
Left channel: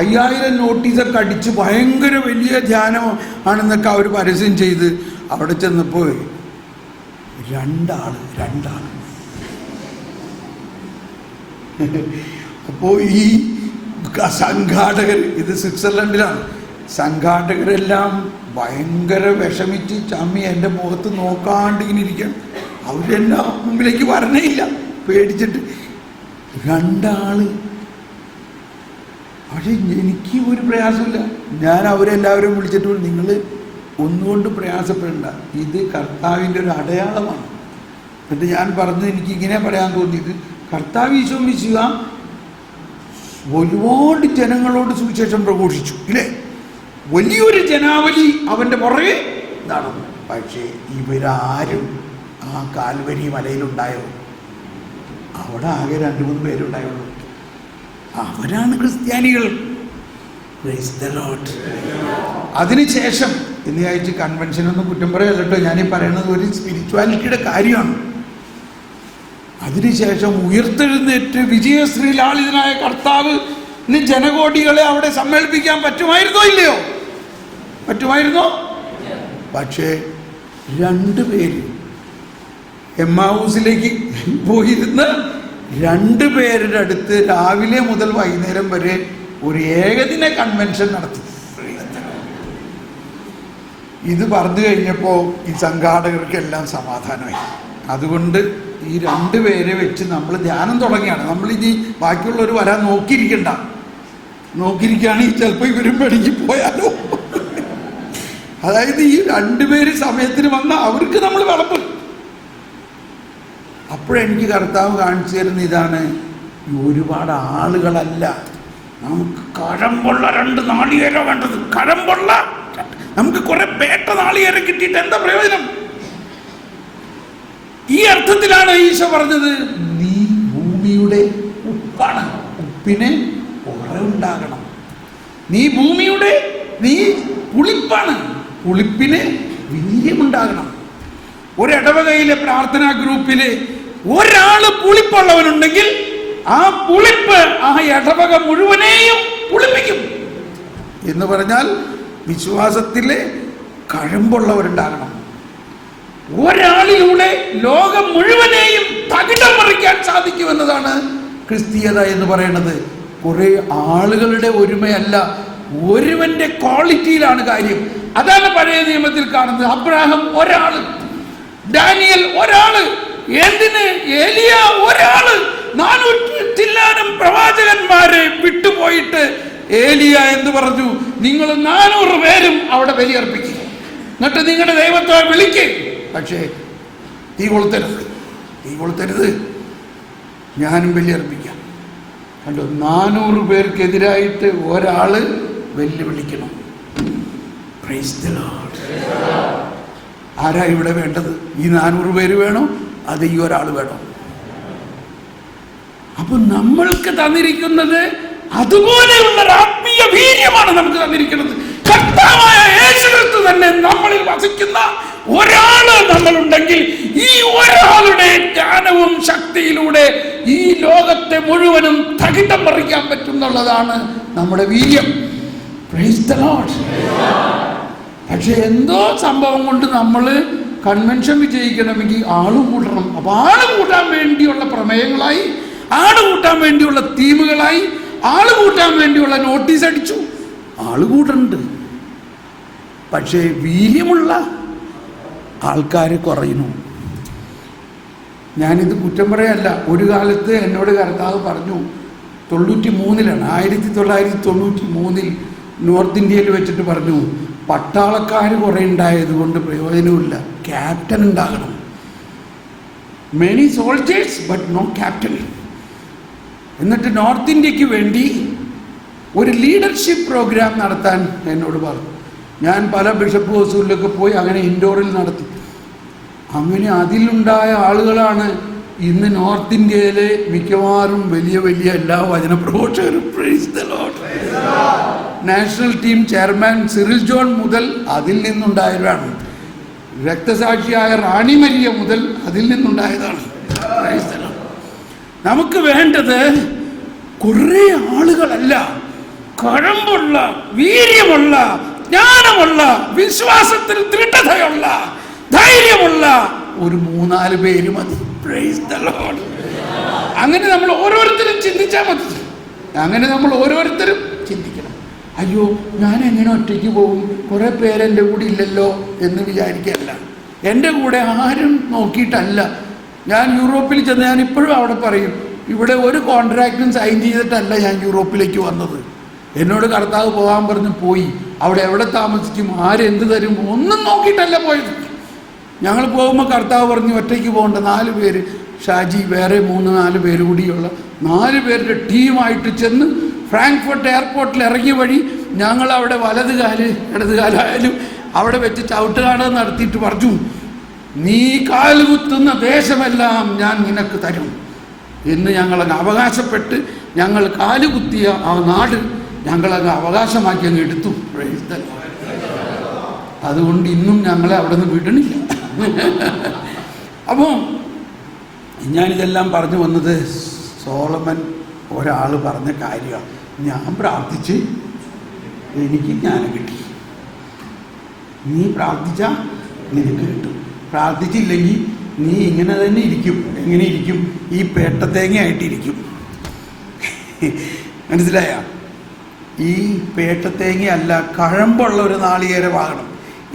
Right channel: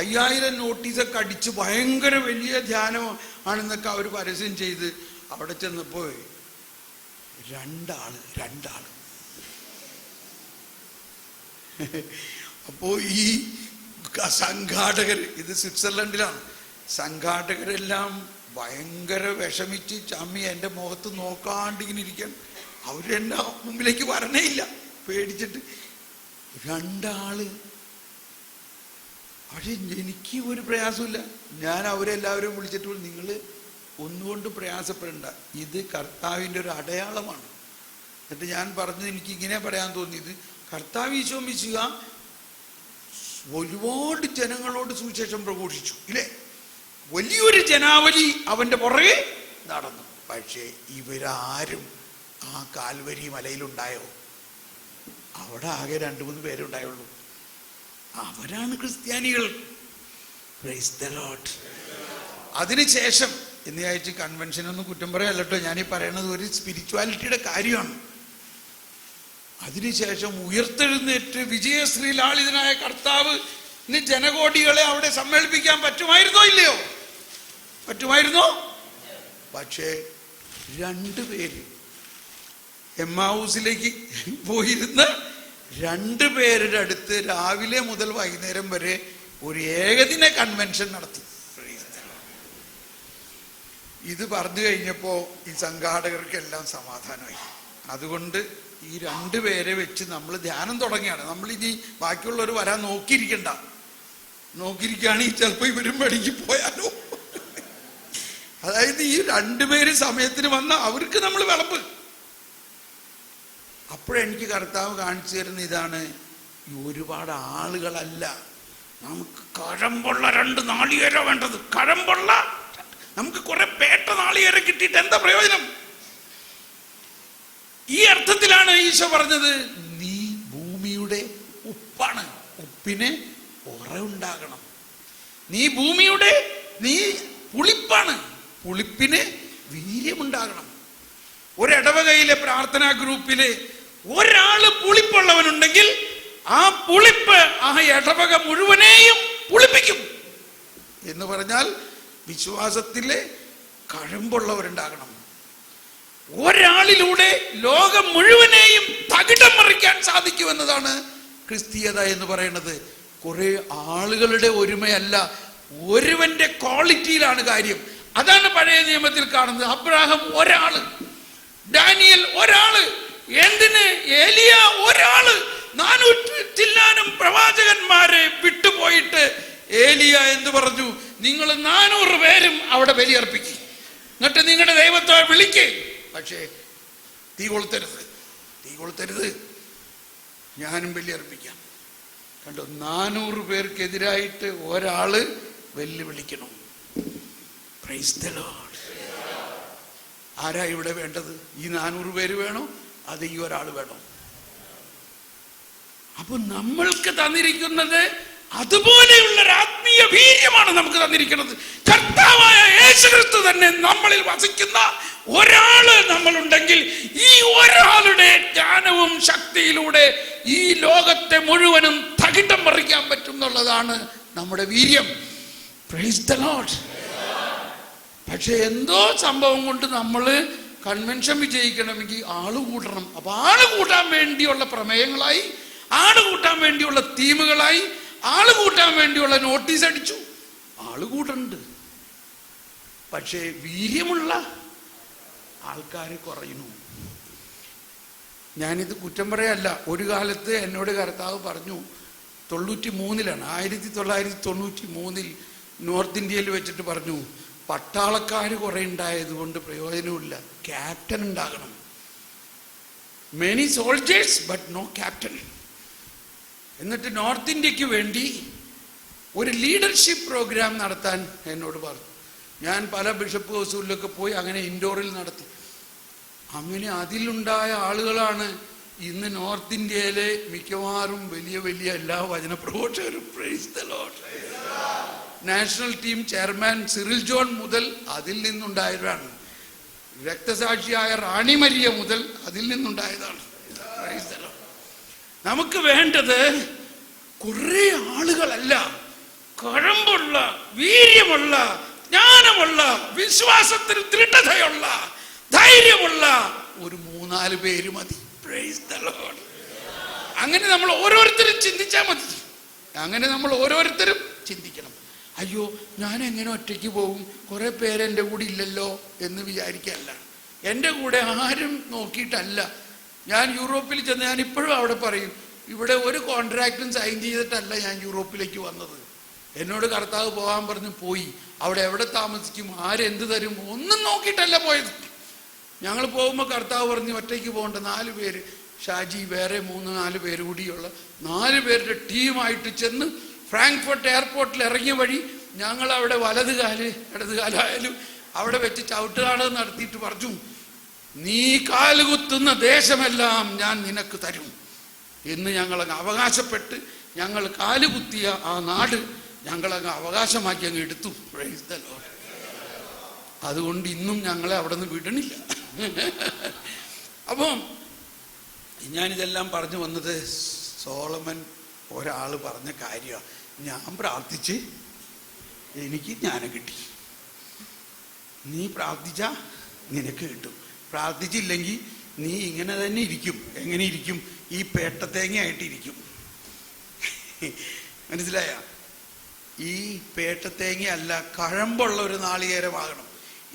5000 നോട്ടീസൊക്കെ അടിച്ച് ഭയങ്കര വലിയ ധ്യാനം ആണെന്നൊക്കെ അവർ പരസ്യം ചെയ്ത് അവിടെ ചെന്നപ്പോൾ രണ്ടാള്. അപ്പോൾ ഈ സംഘാടകർ, ഇത് സ്വിറ്റ്സർലൻഡിലാണ്, സംഘാടകരെല്ലാം ഭയങ്കര വിഷമിച്ച് ചമ്മി എൻ്റെ മുഖത്ത് നോക്കാണ്ട് ഇങ്ങനെ ഇരിക്കണം. അവരെന്നെ മുമ്പിലേക്ക് വരണേ ഇല്ല, പേടിച്ചിട്ട്. രണ്ടാള്. പക്ഷെ എനിക്ക് ഒരു പ്രയാസമില്ല. ഞാൻ അവരെല്ലാവരും വിളിച്ചിട്ട്, നിങ്ങൾ ഒന്നുകൊണ്ട് പ്രയാസപ്പെടണ്ട, ഇത് കർത്താവിൻ്റെ ഒരു അടയാളമാണ്. എന്നിട്ട് ഞാൻ പറഞ്ഞു, എനിക്ക് ഇങ്ങനെ പറയാൻ തോന്നിയത്, കർത്താവ് ഈശോ മിശിഹ ഒരുപാട് ജനങ്ങളോട് സുവിശേഷം പ്രഘോഷിച്ചു, ഇല്ലേ? വലിയൊരു ജനാവലി അവൻ്റെ പുറകെ നടന്നു. പക്ഷേ ഇവരാരും ആ കാൽവരി മലയിലുണ്ടായോ? അവിടെ ആകെ 2-3 പേരുണ്ടായുള്ളൂ. അവരാണ് ക്രിസ്ത്യാനികൾ. Price the Lord. അതിനുശേഷം ഇന്ന് ആഴ്ച കൺവെൻഷനൊന്നും കുറ്റം പറയല്ല കേട്ടോ, ഞാനീ പറയുന്നത് ഒരു സ്പിരിച്വാലിറ്റിയുടെ കാര്യമാണ്. അതിനുശേഷം ഉയർത്തെഴുന്നേറ്റ് വിജയശ്രീലാളിതനായ കർത്താവ് ജനകോടികളെ അവിടെ സമ്മേളിപ്പിക്കാൻ പറ്റുമായിരുന്നോ? ഇല്ലയോ? പറ്റുമായിരുന്നോ? പക്ഷേ 2 പേര് എമ്മാവൂസിലേക്ക് പോയിരുന്ന് 2 പേരുടെ അടുത്ത് രാവിലെ മുതൽ വൈകുന്നേരം വരെ ഒരു ഏകദിന കൺവെൻഷൻ നടത്തി. ഇത് പറഞ്ഞു കഴിഞ്ഞപ്പോൾ ഈ സംഘാടകർക്കെല്ലാം സമാധാനമായി. അതുകൊണ്ട് ഈ 2 പേരെ വെച്ച് നമ്മൾ ധ്യാനം തുടങ്ങിയാണ്. നമ്മളിനി ബാക്കിയുള്ളവർ വരാൻ നോക്കിയിരിക്കുകയാണെങ്കിൽ ചിലപ്പോൾ ഇവരും പെടുങ്ങി പോയാലോ. അതായത് ഈ 2 പേര് സമയത്തിന് വന്ന അവർക്ക് നമ്മൾ വിളപ്പ്. അപ്പോഴെനിക്ക് കർത്താവ് കാണിച്ചു തരുന്ന ഇതാണ്, ഒരുപാട് ആളുകളല്ല, നമുക്ക് കഴമ്പുള്ള 2 നാളികേരം വേണ്ടത്. കഴമ്പുള്ള, നമുക്ക് കുറെ പേട്ട നാളികേരം കിട്ടിയിട്ട് എന്താ പ്രയോജനം? ഈ അർത്ഥത്തിലാണ് ഈശോ പറഞ്ഞത്, നീ ഭൂമിയുടെ ഉപ്പാണ്, ഉപ്പിന് കുറവുണ്ടാകണം. നീ പുളിപ്പാണ്, പുളിപ്പിന് വീര്യമുണ്ടാകണം. ഒരിടവകയിലെ പ്രാർത്ഥനാ ഗ്രൂപ്പില് ഒരാള് പുളിപ്പുള്ളവനുണ്ടെങ്കിൽ ആ പുളിപ്പ് ആ ഇടവക മുഴുവനെയും പുളിപ്പിക്കും. എന്ന് പറഞ്ഞാൽ വിശ്വാസത്തിലെ കഴമ്പുള്ളവരുണ്ടാകണം. ഒരാളിലൂടെ ലോകം മുഴുവനെയും തകിടം മറിക്കാൻ സാധിക്കുമെന്നതാണ് ക്രിസ്തീയത എന്ന് പറയുന്നത്. കുറെ ആളുകളുടെ ഒരുമയല്ല, ഒരുവന്റെ ക്വാളിറ്റിയിലാണ് കാര്യം. അതാണ് പഴയ നിയമത്തിൽ കാണുന്നത്. അബ്രാഹാം ഒരാള്, ഡാനിയൽ ഒരാള്, എന്തിന് ഏലിയ ഒരാള്, 400 ചില്ലാനം പ്രവാചകന്മാരെ വിട്ടുപോയിട്ട് ഏലിയ എന്ത് പറഞ്ഞു? നിങ്ങൾ 400 പേരും അവിടെ ബലിയർപ്പിക്കുക, എന്നിട്ട് നിങ്ങളുടെ ദൈവത്തെ വിളിക്കുക. പക്ഷേ തീ കൊളുത്തരുത്, ഞാനും ബലിയർപ്പിക്കാം. കണ്ടോ, 400 പേർക്കെതിരായിട്ട് ഒരാള് വെല്ലുവിളിക്കണം. Price the Lord. ആരാ ഇവിടെ വേണ്ടത്? ഈ 400 പേര് വേണോ? അത് ഈ ഒരാൾ വേണോ? അപ്പൊ നമ്മൾക്ക് തന്നിരിക്കുന്നത് അതുപോലെയുള്ള ഒരു ആത്മീയ വീര്യമാണ് നമുക്ക് തന്നിരിക്കുന്നത്. കർത്താവായ യേശുക്രിസ്തു തന്നെ നമ്മളിൽ വസിക്കുന്ന ഒരാള് നമ്മളുണ്ടെങ്കിൽ ഈ ഒരാളുടെ ജ്ഞാനവും ശക്തിയിലൂടെ ഈ ലോകത്തെ മുഴുവനും തകിടം മറിക്കാൻ പറ്റും എന്നുള്ളതാണ് നമ്മുടെ വീര്യം. Price the Lord. പക്ഷെ എന്തോ സംഭവം കൊണ്ട് നമ്മൾ കൺവെൻഷൻ വിജയിക്കണമെങ്കിൽ ആള് കൂട്ടണം. അപ്പൊ ആള് കൂട്ടാൻ വേണ്ടിയുള്ള പ്രമേയങ്ങളായി, ആള് കൂട്ടാൻ വേണ്ടിയുള്ള തീമുകളായി, ആള് കൂട്ടാൻ വേണ്ടിയുള്ള നോട്ടീസ് അടിച്ചു. ആള് കൂട്ടുന്നുണ്ട്, പക്ഷേ വീര്യമുള്ള ആൾക്കാർ കുറയുന്നു. ഞാനിത് കുറ്റം പറയല്ല. ഒരു കാലത്ത് എന്നോട് കർത്താവ് പറഞ്ഞു, 1993 നോർത്ത് ഇന്ത്യയിൽ വെച്ചിട്ട് പറഞ്ഞു, പട്ടാളക്കാർ കുറെ ഉണ്ടായത് കൊണ്ട് പ്രയോജനമില്ല, ക്യാപ്റ്റൻ ഉണ്ടാകണം. Many soldiers but no captain. എന്നിട്ട് നോർത്ത് ഇന്ത്യക്ക് വേണ്ടി ഒരു ലീഡർഷിപ്പ് പ്രോഗ്രാം നടത്താൻ എന്നോട് പറഞ്ഞു. ഞാൻ പല ബിഷപ്പ് ഹൗസുകളിലൊക്കെ പോയി അങ്ങനെ ഇൻഡോറിൽ നടത്തി. അങ്ങനെ അതിലുണ്ടായ ആളുകളാണ് ഇന്ന് നോർത്ത് ഇന്ത്യയിലെ മിക്കവാറും വലിയ വലിയ എല്ലാ വചനപ്രഘോഷകരും. Praise the lord. National team chairman Cyril John മുതൽ അതിൽ നിന്നുണ്ടായവരാണ്. രക്തസാക്ഷിയായ റാണി മരിയ മുതൽ അതിൽ നിന്നുണ്ടായതാണ്. Price the Lord. നമുക്ക് വേണ്ടത് കുറെ ആളുകളല്ല, കഴമ്പുള്ള, വീര്യമുള്ള, ജ്ഞാനമുള്ള, വിശ്വാസത്തിൽ ദൃഢതയുള്ള, ധൈര്യമുള്ള ഒരു 3-4 പേര് മതി. Price the Lord. അങ്ങനെ നമ്മൾ ഓരോരുത്തരും ചിന്തിച്ചാൽ മതി. അങ്ങനെ നമ്മൾ ഓരോരുത്തരും ചിന്തിക്കണം. അയ്യോ, ഞാൻ എങ്ങനെ ഒറ്റയ്ക്ക് പോകും, കുറെ പേരെൻ്റെ കൂടെ ഇല്ലല്ലോ എന്ന് വിചാരിക്കല്ല. എൻ്റെ കൂടെ ആരും നോക്കിയിട്ടല്ല. ഞാൻ യൂറോപ്പിൽ ചെന്ന്, ഞാൻ ഇപ്പോഴും അവിടെ പറയും, ഇവിടെ ഒരു കോൺട്രാക്റ്റും സൈൻ ചെയ്തിട്ടല്ല ഞാൻ യൂറോപ്പിലേക്ക് വന്നത്. എന്നോട് കർത്താവ് പോകാൻ പറഞ്ഞ് പോയി. അവിടെ എവിടെ താമസിക്കും, ആരെന്ത് തരും, ഒന്നും നോക്കിയിട്ടല്ല പോയത്. ഞങ്ങൾ പോകുമ്പോൾ കർത്താവ് പറഞ്ഞ് ഒറ്റയ്ക്ക് പോകേണ്ട 4 പേര്, ഷാജി വേറെ 3-4 പേര് കൂടിയുള്ള 4 പേരുടെ ടീമായിട്ട് ചെന്ന് ഫ്രാങ്ക്ഫർട്ട് എയർപോർട്ടിൽ ഇറങ്ങിയ വഴി ഞങ്ങൾ അവിടെ ഇടതുകാലായാലും അവിടെ വെച്ച് ചവിട്ടുകാട് നടത്തിയിട്ട് പറഞ്ഞു, നീ കാലുകുത്തുന്ന ദേശമെല്ലാം ഞാൻ നിനക്ക് തരും എന്ന് ഞങ്ങളങ്ങ് അവകാശപ്പെട്ട് ഞങ്ങൾ കാലുകുത്തിയ ആ നാട് ഞങ്ങളങ്ങ് അവകാശമാക്കി അങ്ങ് എടുത്തു. അതുകൊണ്ട് ഇന്നും ഞങ്ങളെ അവിടെ നിന്ന് വിടണില്ല. അപ്പോൾ ഞാനിതെല്ലാം പറഞ്ഞു വന്നത്, സോളമൻ ഒരാൾ പറഞ്ഞ കാര്യമാണ്. ഞാൻ പ്രാർത്ഥിച്ച് എനിക്ക് ജ്ഞാനം കിട്ടി. നീ പ്രാർത്ഥിച്ചാൽ നിനക്ക് കിട്ടും, പ്രാർത്ഥിച്ചില്ലെങ്കിൽ നീ ഇങ്ങനെ തന്നെ ഇരിക്കും. എങ്ങനെ ഇരിക്കും? ഈ പേട്ടത്തേങ്ങയായിട്ടിരിക്കും. മനസ്സിലായ? ഈ പേട്ടത്തേങ്ങയല്ല, കഴമ്പുള്ള ഒരു നാളികേരമാകണം.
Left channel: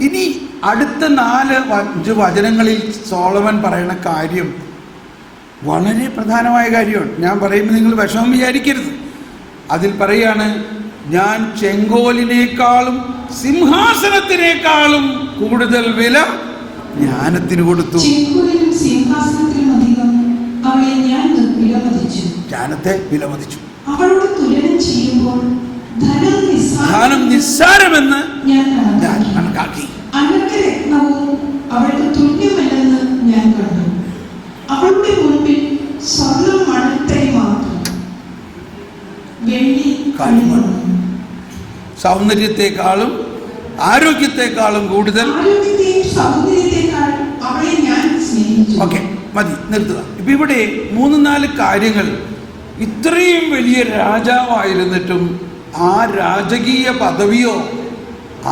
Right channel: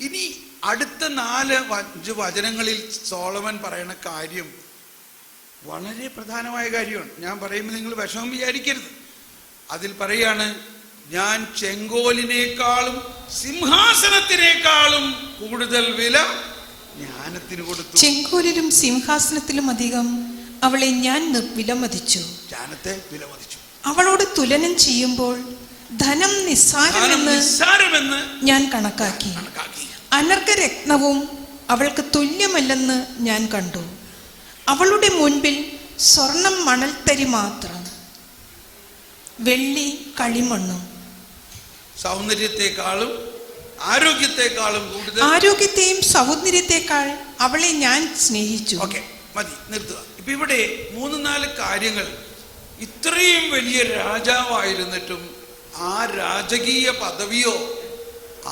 ഇനി അടുത്ത 4-5 വചനങ്ങളിൽ സോളമൻ പറയുന്ന കാര്യം വളരെ പ്രധാനമായ കാര്യമാണ്. ഞാൻ പറയുമ്പോൾ നിങ്ങൾ വിഷമം വിചാരിക്കരുത്. അതിൽ പറയാണ്, ഞാൻ ചെങ്കോലിനേക്കാളും സിംഹാസനത്തിനേക്കാളും കൂടുതൽ വില ജ്ഞാനത്തിന് കൊടുത്തു. ചെങ്കോലിലും സിംഹാസനത്തിലും അധികം അവളെ ഞാൻ വിലമതിച്ചു. ജ്ഞാനത്തെ വിലമതിച്ചു. അവളോട് തുലനം ചെയ്യുമ്പോൾ ധനം നിസ്സാരമെന്ന് ഞാൻ കണക്കാക്കി. അനർഘരത്നവും അവൾക്ക് തുല്യമല്ലെന്ന് ഞാൻ കണ്ടു. അവളുടെ മുൻപിൽ സ്വർണം മണൽത്തരി മാത്രം, വെള്ളി കളിമണ്ണും. സൗന്ദര്യത്തെക്കാളും ആരോഗ്യത്തെക്കാളും കൂടുതൽ, ആരോഗ്യത്തെയും സൗന്ദര്യത്തെക്കാൾ അവളെ ഞാൻ സ്നേഹിച്ചു. ഓക്കെ, മതി, നിർത്തുക. ഇപ്പൊ ഇവിടെ 3-4 കാര്യങ്ങൾ. ഇത്രയും വലിയ രാജാവായിരുന്നിട്ടും ആ രാജകീയ പദവിയോ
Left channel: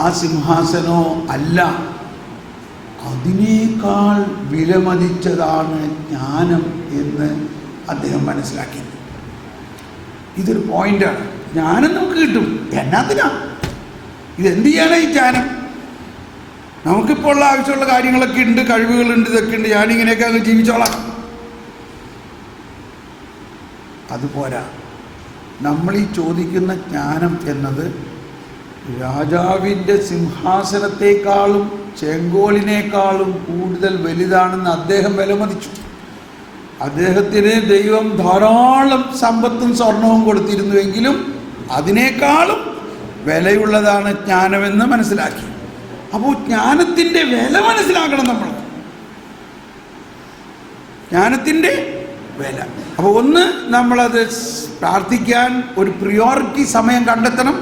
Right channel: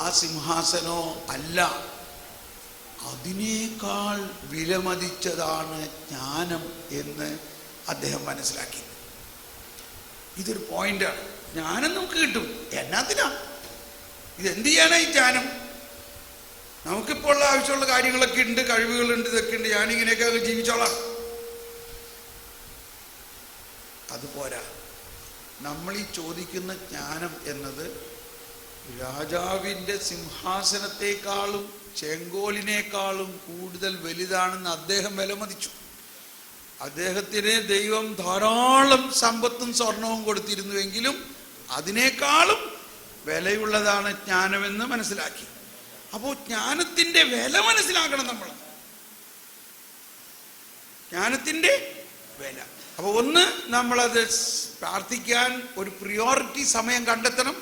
ആ സിംഹാസനോ അല്ല, അതിനേക്കാൾ വിലമതിച്ചതാണ് ജ്ഞാനം എന്ന് അദ്ദേഹം മനസ്സിലാക്കി. ഇതൊരു പോയിന്റാണ്. ജ്ഞാനം നമുക്ക് കിട്ടും. എന്നാത്തിനാ? ഇതെന്ത് ചെയ്യാനാ ഈ ജ്ഞാനം? നമുക്കിപ്പോൾ ഉള്ള ആവശ്യമുള്ള കാര്യങ്ങളൊക്കെ ഉണ്ട്, കഴിവുകളുണ്ട്, ഇതൊക്കെ ഉണ്ട്. ഞാനിങ്ങനെയൊക്കെ അങ്ങ് ജീവിച്ചോളാം. അതുപോരാ. നമ്മൾ ഈ ചോദിക്കുന്ന ജ്ഞാനം എന്നത് രാജാവിൻ്റെ സിംഹാസനത്തെക്കാളും ചെങ്കോലിനേക്കാളും കൂടുതൽ വലുതാണെന്ന് അദ്ദേഹം വിലമതിച്ചു. അദ്ദേഹത്തിന് ദൈവം ധാരാളം സമ്പത്തും സ്വർണവും കൊടുത്തിരുന്നുവെങ്കിലും അതിനേക്കാളും വിലയുള്ളതാണ് ജ്ഞാനമെന്ന് മനസ്സിലാക്കി. അപ്പോൾ ജ്ഞാനത്തിൻ്റെ വില മനസ്സിലാക്കണം നമ്മൾ. ജ്ഞാനത്തിൻ്റെ വില. അപ്പോൾ ഒന്ന് നമ്മളത് പ്രാർത്ഥിക്കാൻ ഒരു പ്രിയോറിറ്റി സമയം കണ്ടെത്തണം.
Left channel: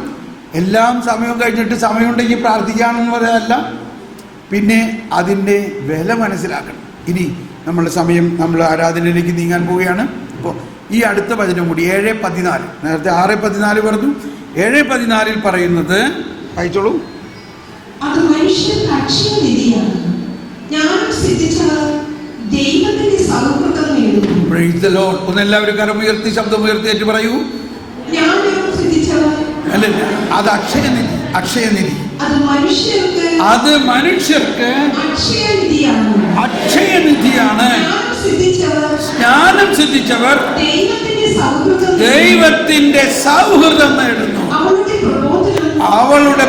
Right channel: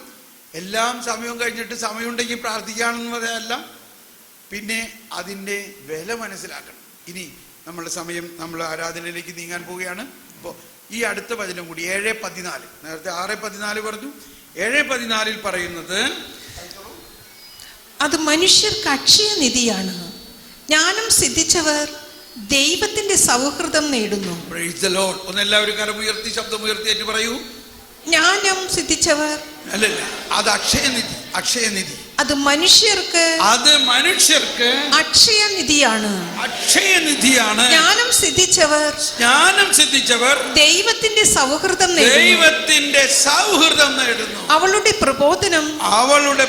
എല്ലാം സമയം കഴിഞ്ഞിട്ട് സമയമുണ്ടെങ്കിൽ പ്രാർത്ഥിക്കാമെന്ന് പറയാനല്ല, പിന്നെ അതിൻ്റെ വില മനസ്സിലാക്കണം. ഇനി നമ്മൾ ആരാധനയിലേക്ക് നീങ്ങാൻ പോവുകയാണ്. അപ്പോൾ ഈ അടുത്ത വചനം കൂടി 7:14, നേരത്തെ 6:14 പറഞ്ഞു, 7:14 പറയുന്നത് വായിച്ചോളൂ. അത് മനുഷ്യർക്ക് അക്ഷയനിധിയാണ്, ജ്ഞാനം സിദ്ധിച്ചവർ ദൈവത്തിന്റെ സൗഹൃദം നേടുന്നു. Price the Lord. ഒന്ന് എല്ലാവരും കരമുയർത്തി ശബ്ദമുയർത്തിയിട്ട് പറയൂ. ജ്ഞാനം സിദ്ധിച്ചവർ അല്ലല്ല, അത് അക്ഷയനിധി. അത് മനുഷ്യർക്ക് അക്ഷയനിധിയാണ്. ജ്ഞാനം സിദ്ധിച്ചവർ ദൈവത്തിന്റെ സൗഹൃദം നേടുന്നു. അവളുടെ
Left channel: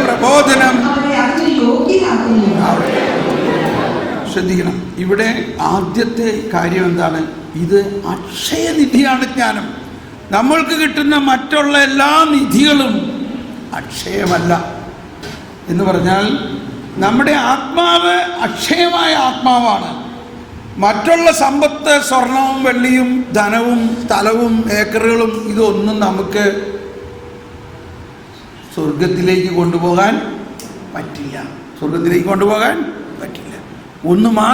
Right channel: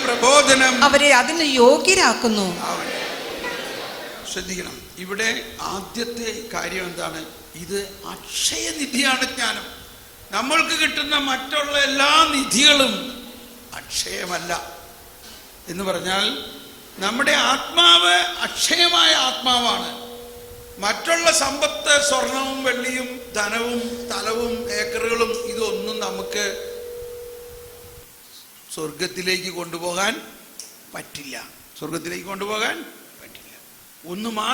പ്രബോധനം അവരെ അതിന് യോഗ്യരാക്കുന്നു. ശ്രദ്ധിക്കണം, ഇവിടെ ആദ്യത്തെ കാര്യം എന്താണ്? ഇത് അക്ഷയനിധിയാണ് ജ്ഞാനം. നമ്മൾക്ക് കിട്ടുന്ന മറ്റുള്ള എല്ലാ നിധികളും അക്ഷയമല്ല. എന്ന് പറഞ്ഞാൽ നമ്മുടെ ആത്മാവ് അക്ഷയമായ ആത്മാവാണ്. മറ്റുള്ള സമ്പത്ത്, സ്വർണവും വെള്ളിയും ധനവും സ്ഥലവും ഏക്കറുകളും ഇതൊന്നും നമുക്ക് സ്വർഗത്തിലേക്ക് കൊണ്ടുപോകാൻ പറ്റില്ല. ഒന്ന്